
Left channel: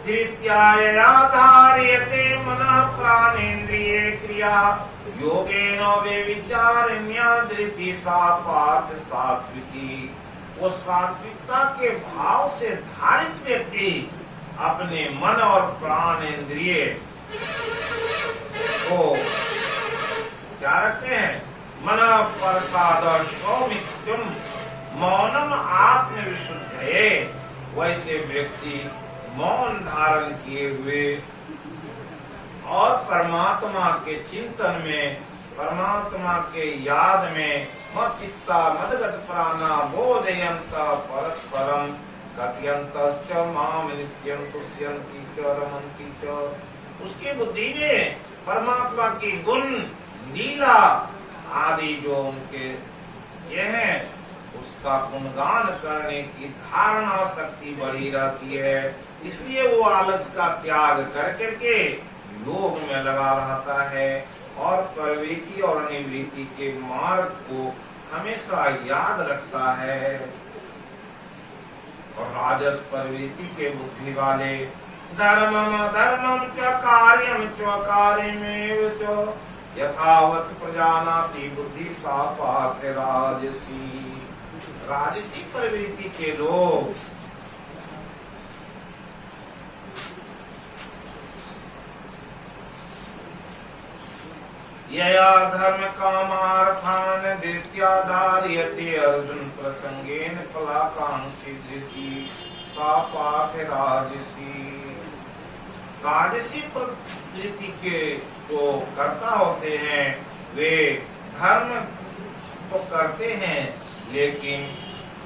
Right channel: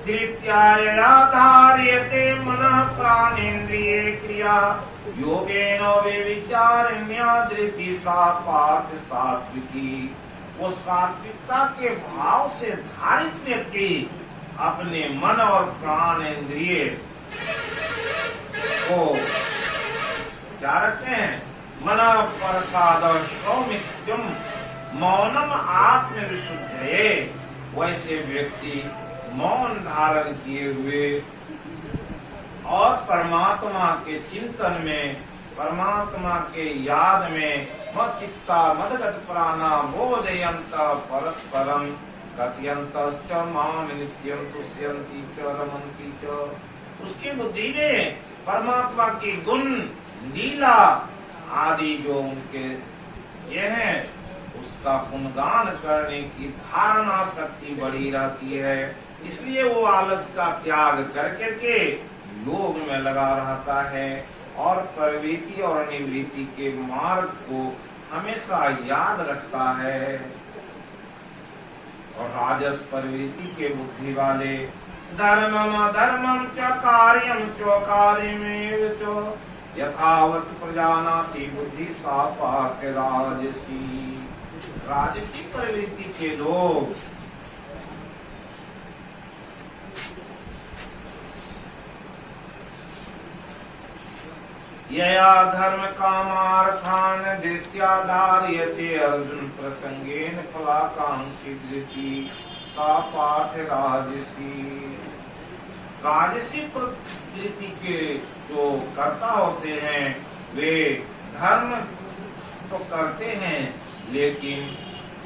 धृत्याया धार्यते मनः प्राणेन्द्रिये क्रिया योगेन व्यभिचारिण्या धृति सा पार्थ सात्विकी। वो सात्विकता के भाव से धारित व्यक्ति अपने मन और प्राण इंद्रिय को क्या रखते हैं? मन प्रसाद सौमित्यम मौनम आत्म विशुद्धये। वैसे व्यक्ति मौन धारण किए हुए और परमात्मा के चिंतन में, परमात्मा के याद में मच्चित्ता मदगत प्राणा बोधयंत परस्परम कथयंतश्च माम नित्यं तुष्यन्ति च रमन्ति च। उसकी बुद्धि में परमात्मा की गुण, लीला आदि जो उनके ये है, उसका गुणगान करने की धारणा शक्ति बढ़ी रहती है। इसलिए वो आलस का त्याग कर करके योग में लगा रहता है और प्रवृत्ति और निवृत्ति के मार्ग को हमेशा याद रखता है। और राजस प्रवृत्ति के बुद्धि वाले धर्मम अधर्मम च कार्यम च कार्यमेव च यथावत प्रजानाति बुद्धि सा पाक राजसी। राजसी प्रवृत्ति के लोग यया धर्म कामार्थान धृत्या धार्यते अर्जुन प्रसंगेन फलाकांक्षी धृति सा पाठ राजसी। राजसी प्रवृत्ति के जो कर्ता होते हैं वे धर्म तो करते हैं, लेकिन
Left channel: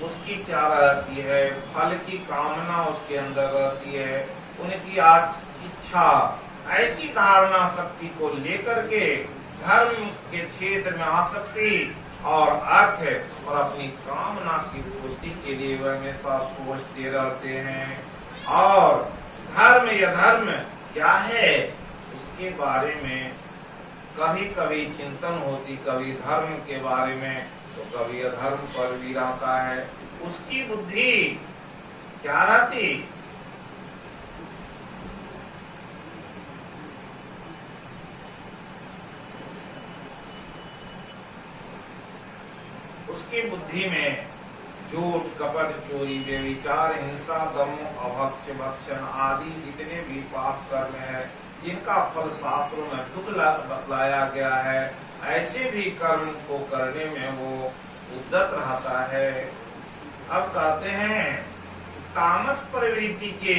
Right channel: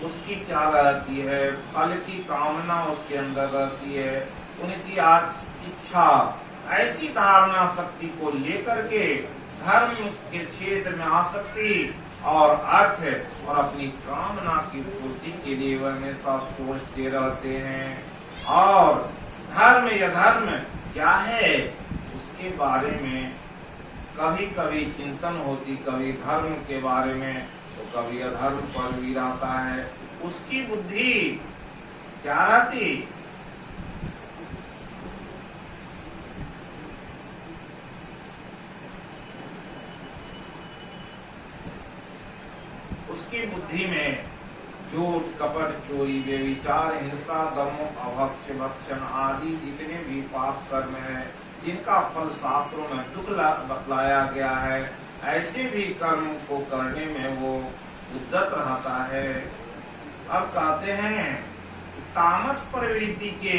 उसकी क्या रहती है? फल की कामना उसके अंदर रहती है। उनकी आज इच्छा ऐसी धारणा शक्ति को लेकर के धर्म के क्षेत्र में आसक्ति और अर्थ और अपनी कामना की पूर्ति के लिए वह हमेशा सोचते रहते हैं। और धर्म या धर्म क्या है उसके बारे में कभी कभी चिंतन होती, कभी धर्म के बारे में तो कभी अधर्म पर भी रहता है। उसकी बुद्धि क्या रहती, उसकी बुद्धि में झूठ, कपट, चोरी, व्यभिचार, हिंसा, दम, अभक्ष्य, भक्षण आदि जितने भी पाप कर्म है जिनका फल शास्त्रों में दुख बतलाया गया है, ऐसे भी कर्म को करने में वो उद्यत रहता है। अब कहते हैं तामस प्रवृत्ति के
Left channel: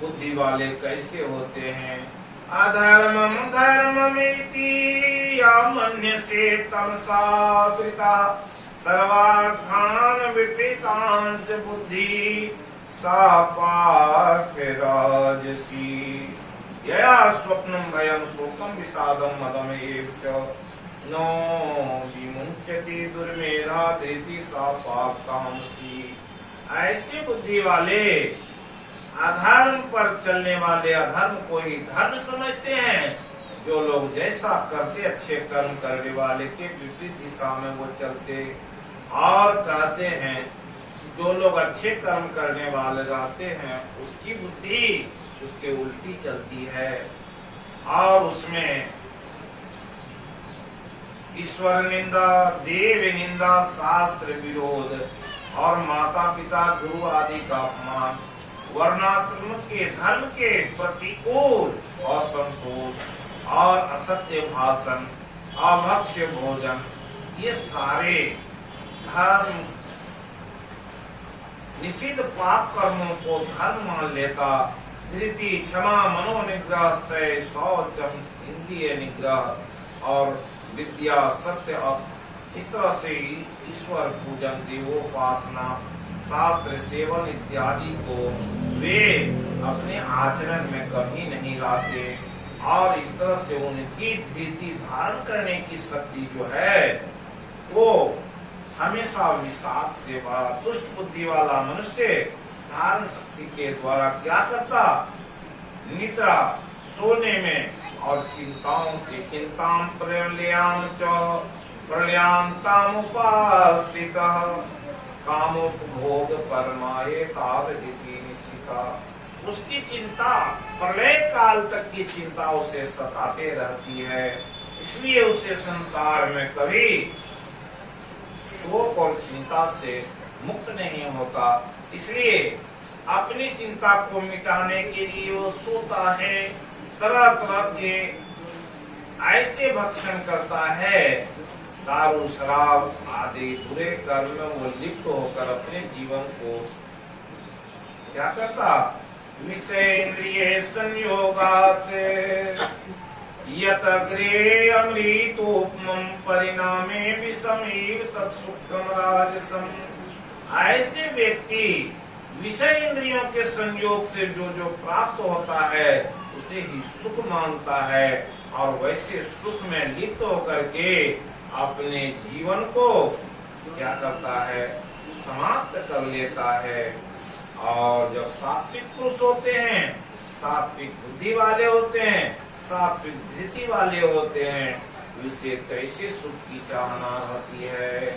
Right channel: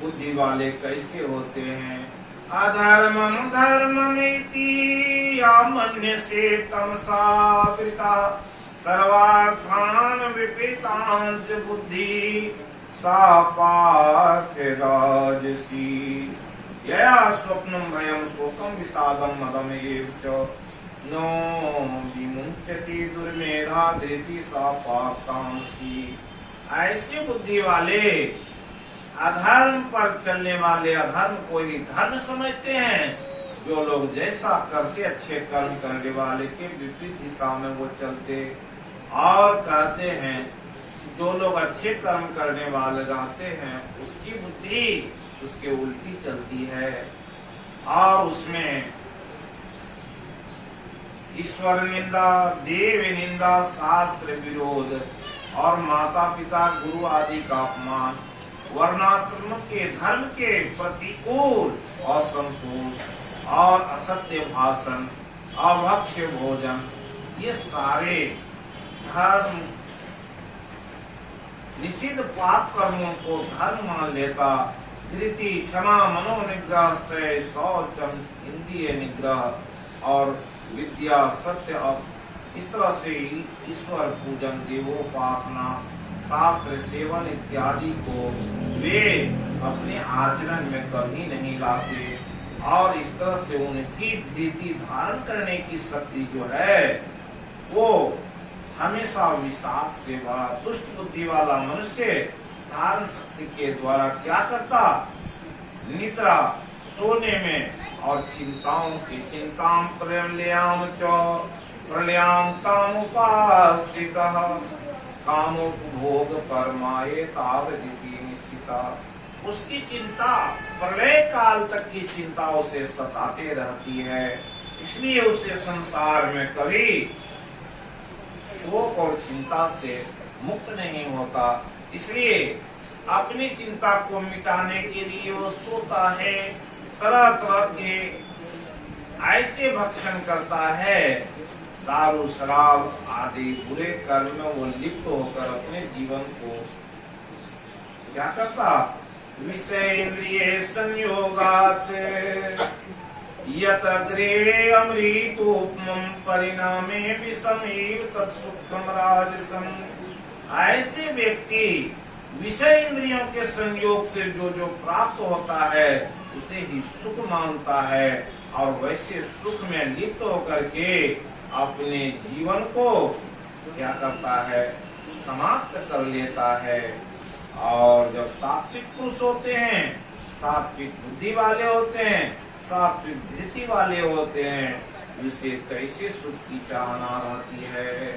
बुद्धि वाले कैसे होते हैं। अधर्मम धर्ममेति या मन्यसे तमसा पिता सर्वार्थान विपरीतांत बुद्धि सा पार्थ राजसी यया स्वप्नम भयम शोकम विषादम मदम एव च नो विमुच्यते दुर्मेधा धृति सा पापतांसी। ऐसे बुद्धि वाले अधर्म पर चलने वाले अधर्म को ही धर्म समझते हैं। जो लोग जैसा करते अच्छे कर्म करने वाले के विपरीत दिशा में वो चलते। और कहते हैं जो लोग अच्छे कर्म करने वाले रहते हैं उसकी बुद्धि उसके उल्टी चलती है और उसमें ईश्वर निंदा, देव निंदा, शास्त्र विरोध और माता पिता गुरु आदि का अपमान, वर्णाश्रम के धर्म के प्रतिकूल असंतोष और असत्य भाषण, अभक्ष्य भोजन, ये सारे धर्म निषिद्ध पाप कर्मों को धर्म मान लेता। धृति, क्षमा, मनोनिग्रह, स्तय, शौचम, इंद्रिय निग्रह और विद्या, सत्य और इस तरह से ईश्वर पूजन, देवोपासना, शास्त्र सेवन इत्यादि को वे अपने आचरण में कभी नहीं लाते। और इस तरह से उनकी धृति धारण करने की शक्ति जो है वो हमेशा विषाद से भरा दुष्ट बुद्धि वाला मनुष्य धारण शक्ति के द्वारा क्या करता, निद्रा सोने में और चिंताओं की चिंताम प्रलयाम च प्रलयाम कामुपाश्रितः कामोपभोग परमाये तावदिति निश्चिता। उसकी चिंता प्रलय काल तक की चिंता उसे सताते रहती है, इसलिए उसे संसार में कभी शोक और चिंता से मुक्त नहीं होता। इसलिए अपनी चिंता को मिटाने के लिए वो सोता है, तरह तरह के ऐसे भक्षण करता है, दारू शराब आदि बुरे कर्म में वो लिप्त होकर अपने जीवन को क्या करता, विषय इंद्रिय संयोगात यत अग्रे अमृतोपमं परिणामे विषमेव तत्सुखम राजसम। ऐसे व्यक्ति विषय इंद्रियों के संयोग से जो प्राप्त होता है उसे ही सुख मानता है और वैसे सुख में लिप्त होकर के अपने जीवन को क्या करता है, समाप्त कर लेता है। और जब सात्विक पुरुष होते हैं, सात्विक बुद्धि वाले होते हैं, सात्विक धृति वाले होते हैं, इसे कैसे सुख की चाहना रहती है।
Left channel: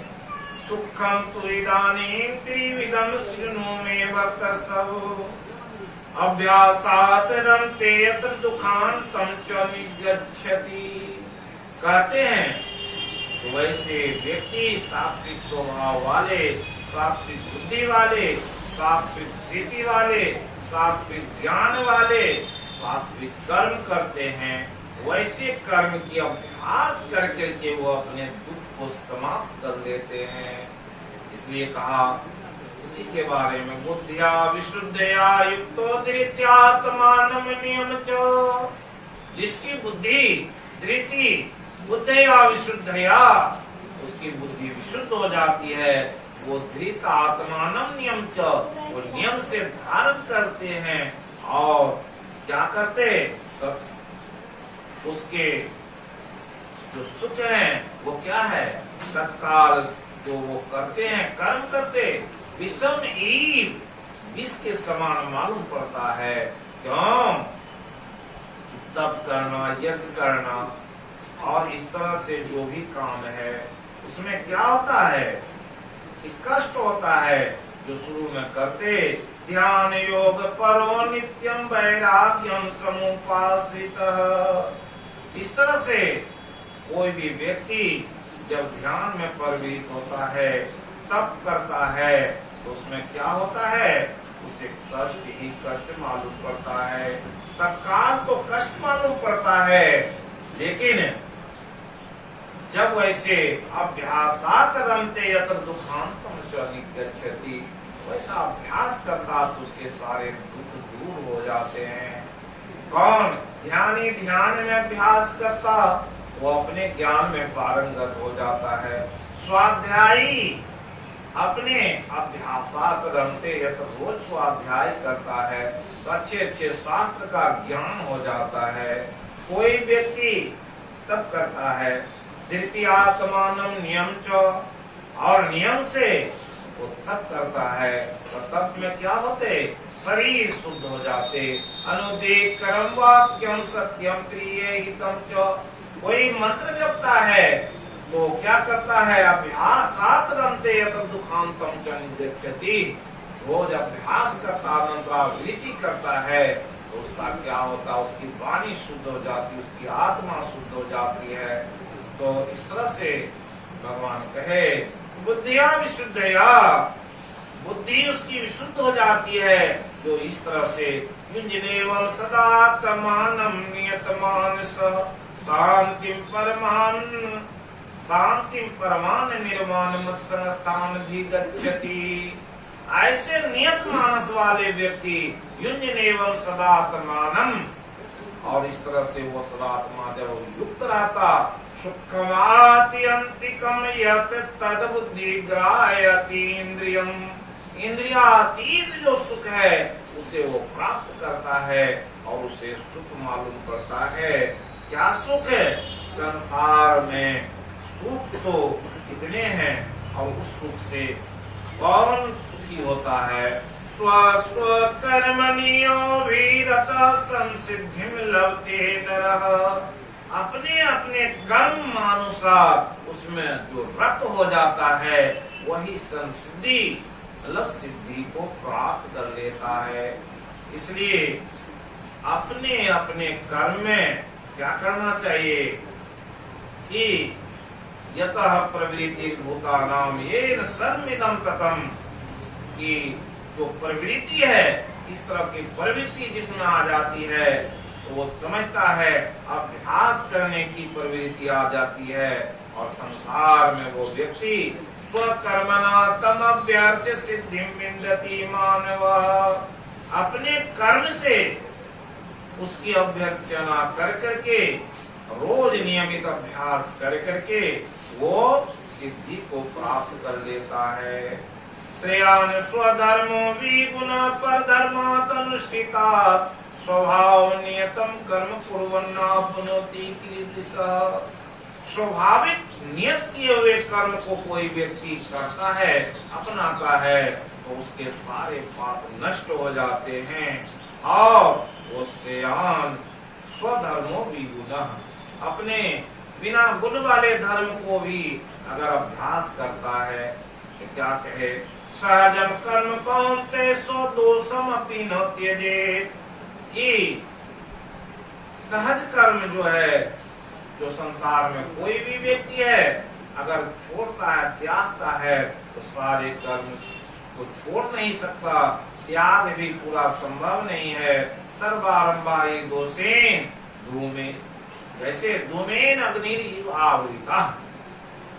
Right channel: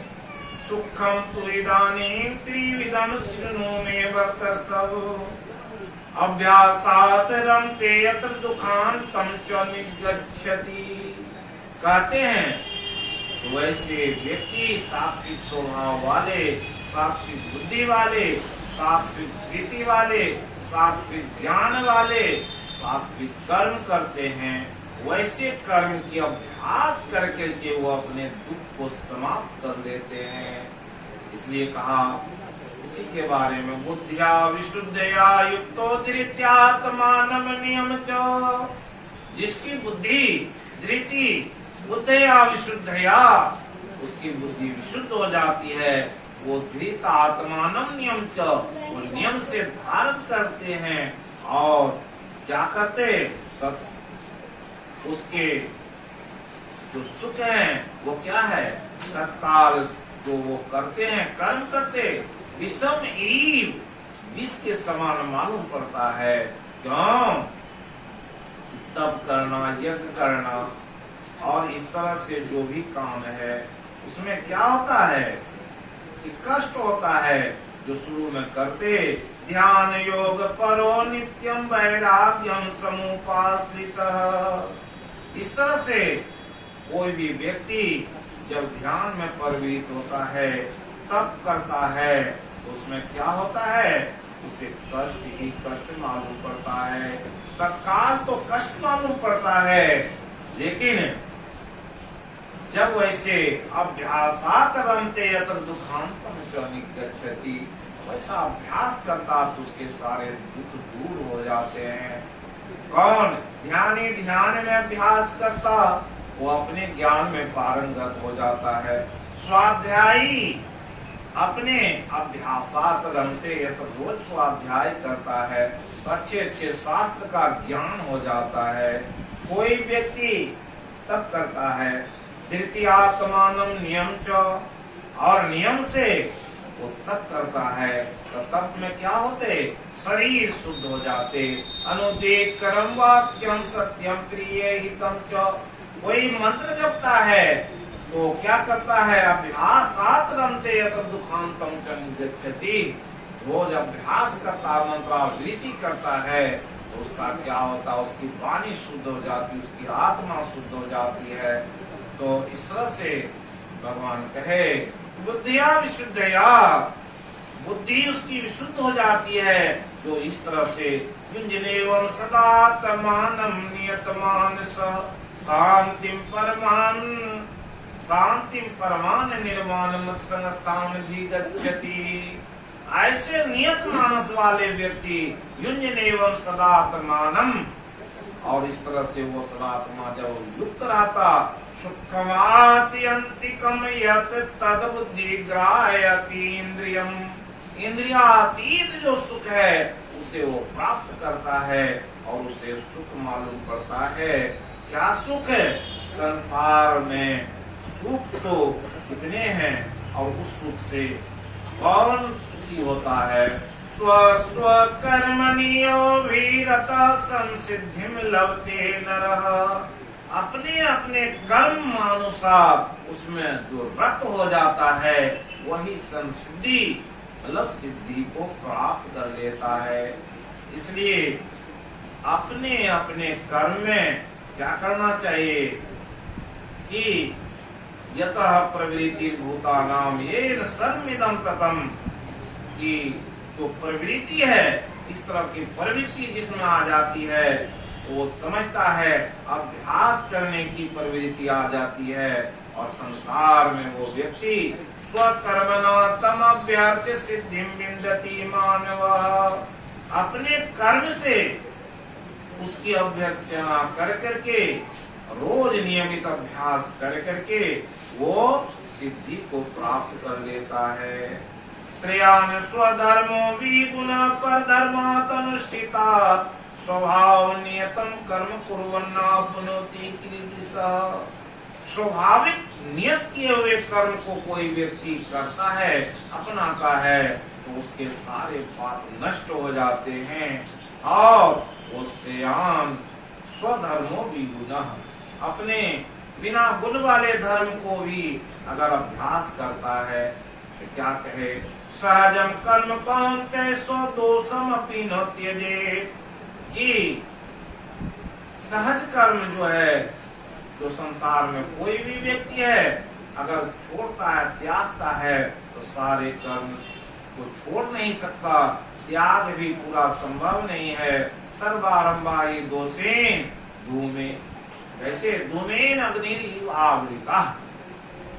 सुखम तु इदानीं त्रिविधं शृणु मे वर्तसव अभ्यासात् रमते यत्र दुखान्तं च निगच्छति। कहते हैं वैसे व्यक्ति सात्विक स्वभाव वाले, सात्विक बुद्धि वाले, सात्विक धृति वाले, सात्विक ज्ञान वाले सात्विक कर्म करते हैं, वैसे कर्म की अभ्यास करके के वो अपने दुख को समाप्त कर देते हैं। इसलिए कहा इसी के बारे में बुद्धिया विशुद्धया युक्तो धृत्यात्मानम नियम च। जिसकी बुद्धि धृति बुद्धया विशुद्धया उसकी बुद्धि विशुद्ध हो जाती है, वो धृत आत्मानम नियम च, वो नियम से धारण करते हैं और क्या करते, तब उसके जो सुख है वो क्या है? तत्काल जो वो करते हैं, कर्म करते, विषम ईव, विष के समान मालूम पड़ता है। क्यों? तप करना, यज्ञ करना और इस तरह से जो भी काम है उसमें क्या होता है कि कष्ट होता है। जो शुरू में करते, ध्यान योग परो नित्यम वैराग्यम समुपाश्रितः। इस तरह से कोई भी व्यक्ति जब ध्यान में प्रवृत्त होता है, तप करता है, तो उसमें क्या होता है? उसे कष्ट ही कष्ट मालूम पड़ता है। तत्काल तो कष्ट मालूम पड़ता है, लेकिन जब वैसे अभ्यासात रमते यत्र दुखांतम च निगच्छति, वैसा अभ्यास करता तो उसके सारे दुख दूर हो जाते हैं। कौन? ध्यानी ध्यान में अभ्यास करता, वो अपने ज्ञान में पारंगत हो जाता है। स्वाध्यायी अपने अभ्यासात रमते यत्र, रोज स्वाध्याय करता है तो अच्छे अच्छे शास्त्र का ज्ञान हो जाता है। कोई व्यक्ति तप करता है, तृतीयात्मानम नियम च, और नियम से वो तप करता है, तो तप में क्या होते? शरीर शुद्ध हो जाते। अनुदेक कर्म वाक्यम सत्यम प्रिय हितम च। कोई मंत्र जपता है तो क्या करता है? अभ्यासात रमते यत्र दुखांतम च निगच्छति। रोज अभ्यास करता, मंत्रावृत्ति करता है तो उसका क्या होता? उसकी वाणी शुद्ध हो जाती, उसकी आत्मा शुद्ध हो जाती है। तो इस तरह से भगवान कहे, बुद्धिया विशुद्धया, बुद्धि उसकी विशुद्ध हो जाती है। जो इस तरह से युञ्जनेवं सदात्मानं नियतमानस शांतिम परमान निर्वाण मत्संस्थान भी गच्छति। ऐसे नियत मानस वाले व्यक्ति युञ्जनेवं सदात्मानं, और इस तरह से वो सदात्मा जब युक्त रहता, सुखमात्यंतिकम यत् तद बुद्धि ग्राह्यति इंद्रियम, इंद्रियातीत जो सुख है उसे वो प्राप्त करता है और उसे सुख मालूम पड़ता है। क्या सुख है? संसार में सुख तो कितने हैं, और उस सुख से कौन सुखी होता है? स्व स्व कर्मणियो वीरता संसिद्धिम लभते नरः। अपने अपने कर्म अनुसार उसमें जो रत हो जाता है वही संसिद्धि मतलब सिद्धि को प्राप्त कर लेता है। इसलिए अपने अपने कर्म में क्या करना चाहिए कि यतः प्रवृत्ति भूतानाम येन सर्वमिदं ततम्, कि जो प्रवृत्ति है, इस तरह की प्रवृत्ति जिसमें आ जाती है तो वो समझता है अभ्यास करने की प्रवृत्ति आ जाती है, और संसार में वो व्यक्ति स्वकर्मणा तम अभ्यास सिद्धि विन्दति मानव। अपने कर्म से उसकी अभ्यर्चना कर करके, रोज नियमित अभ्यास कर करके वो सिद्धि को प्राप्त कर लेता है। श्रेयान स्वधर्मो विगुण पर धर्मात् अनुष्ठिता, स्वभाव नियतम कर्म कुर्वन्नाप्नोति कीदृशः। स्वाभाविक नियत किए हुए कर्म को कोई व्यक्ति करता है, अपनाता है, तो उसके सारे पाप नष्ट हो जाते हैं। और वो श्रेयान स्वधर्मो विगुण, अपने बिना गुण वाले धर्म को भी अगर अभ्यास करता है तो क्या कहे? सहजम कर्म कौन्तेय स्वदोषम अपि न त्यजेत्, कि सहज कर्म जो है, जो संसार में कोई भी व्यक्ति है अगर छोड़ता है, त्यागता है, तो सारे कर्म को छोड़ नहीं सकता। त्याग भी पूरा संभव नहीं है। सर्वारंभा ये दोषेन धूमे, जैसे धूमेन अग्नि आवृता,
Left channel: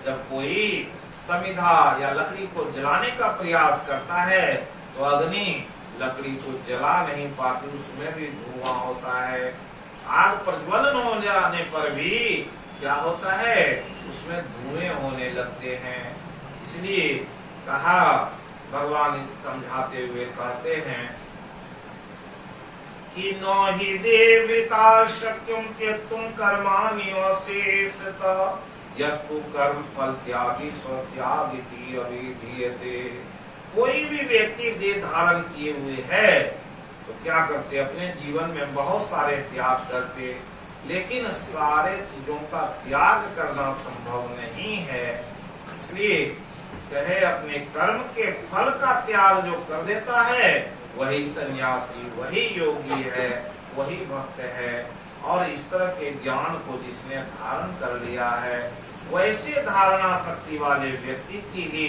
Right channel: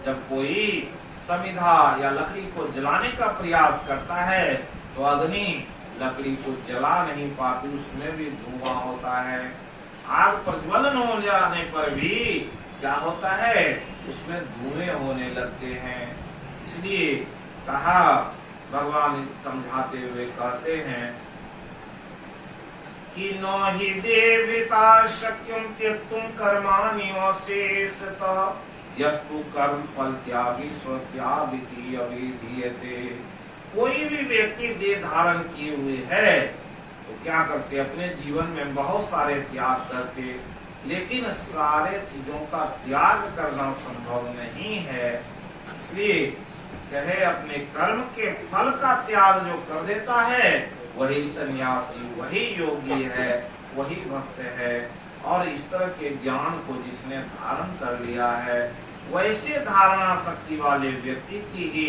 जब कोई समिधा या लकड़ी को जलाने का प्रयास करता है तो अग्नि लकड़ी को जला नहीं पाती, उसमें भी धुआं होता है। आग प्रज्वलन हो जाने पर भी क्या होता है? उसमें धुएं होने लगते हैं। इसलिए कहा, भगवान समझाते हुए कहते हैं, कि नो हि देवता शक्यम त्यक्तुम कर्माण्यशेषतः यस्तु कर्म फल त्यागी स्वत्यागिति अभिधीयते। कोई भी व्यक्ति देह धारण किए हुए है तो क्या करते, अपने जीवन में बहुत सारे त्याग करते, लेकिन सारे चीजों का त्याग करना संभव नहीं है। इसलिए कहे अपने कर्म के फल का त्याग जो कर देता है वही सन्यासी, वही योगी है, वही भक्त है। और इस तरह के ज्ञान को जिसने धारण कर लिया है, वैसे धारणा शक्ति वाले व्यक्ति की ही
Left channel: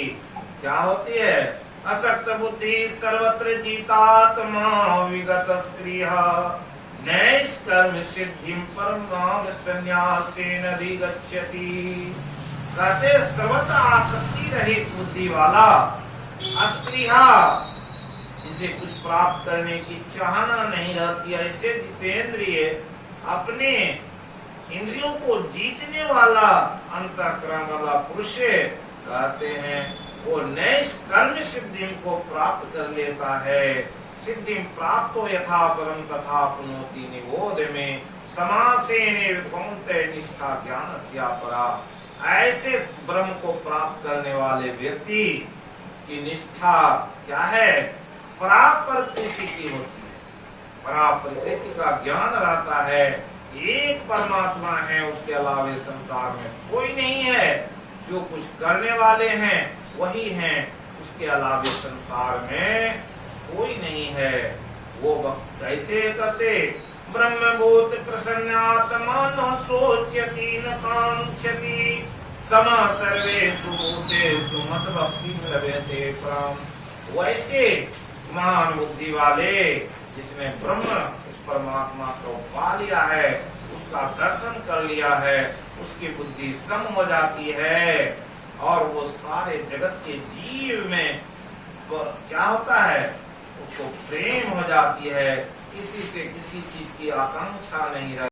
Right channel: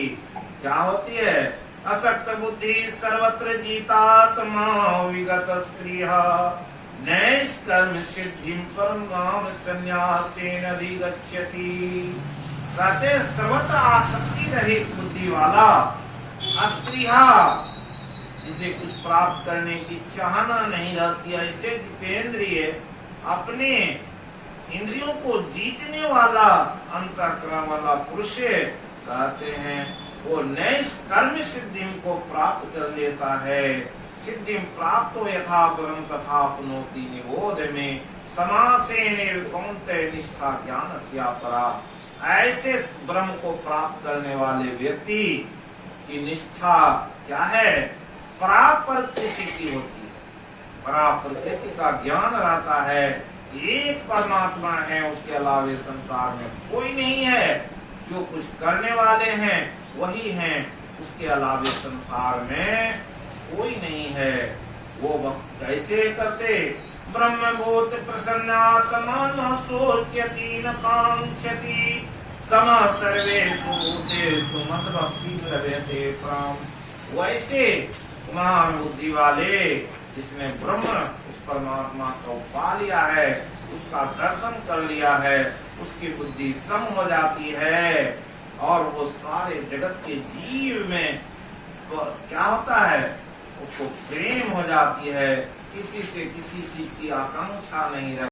क्या होती है, असक्त बुद्धि सर्वत्र जीतात्मा विगत स्त्रिय नैष्कर्म सिद्धिं परमाम संन्यासेन अधिगच्छति। कहते सर्वत्र आसक्ति रहित बुद्धि वाला अस्त्रिया, जिसे कुछ प्राप्त करने की चाहना नहीं रहती, ऐसे जितेंद्रिय अपने इंद्रियों को जीतने वाला अंतःकरण वाला पुरुष कहते हैं वो नैष्कर्म सिद्धि को प्राप्त कर लेता है। सिद्धि प्राप्त यथा परम तथा पुनोति निबोध में समासेने कौन्तेय निष्ठा ज्ञान स्यापरा। ऐसे ब्रह्म को प्राप्त करने वाले व्यक्ति की निष्ठा क्या है, पराप्रकृति की होती है। पराप्रकृति का ज्ञान रहता है, एक परमात्मा है, उसके अलावे संसार में कोई नहीं है। जो कुछ करने वाले हैं वही हैं, उसके अलावे संसार में कोई नहीं है। वो कैसे करते, ब्रह्मभूत प्रसन्नात्मा न सोच्यति न कांक्षति सम सर्वेषु भूतेषु मत भक्ति लभते परम। वैसे महान बुद्धि वाले जिसने ब्रह्म उस परमात्मा को पा लिया है, उसका दर्शन कर लिया है, उसकी बुद्धि सम हो जाती है और वो सारे जगत के जीव में क्या होता है, उसको प्रेम हो जाती है, किसी से किसी चीज की आकांक्षा नहीं रहती।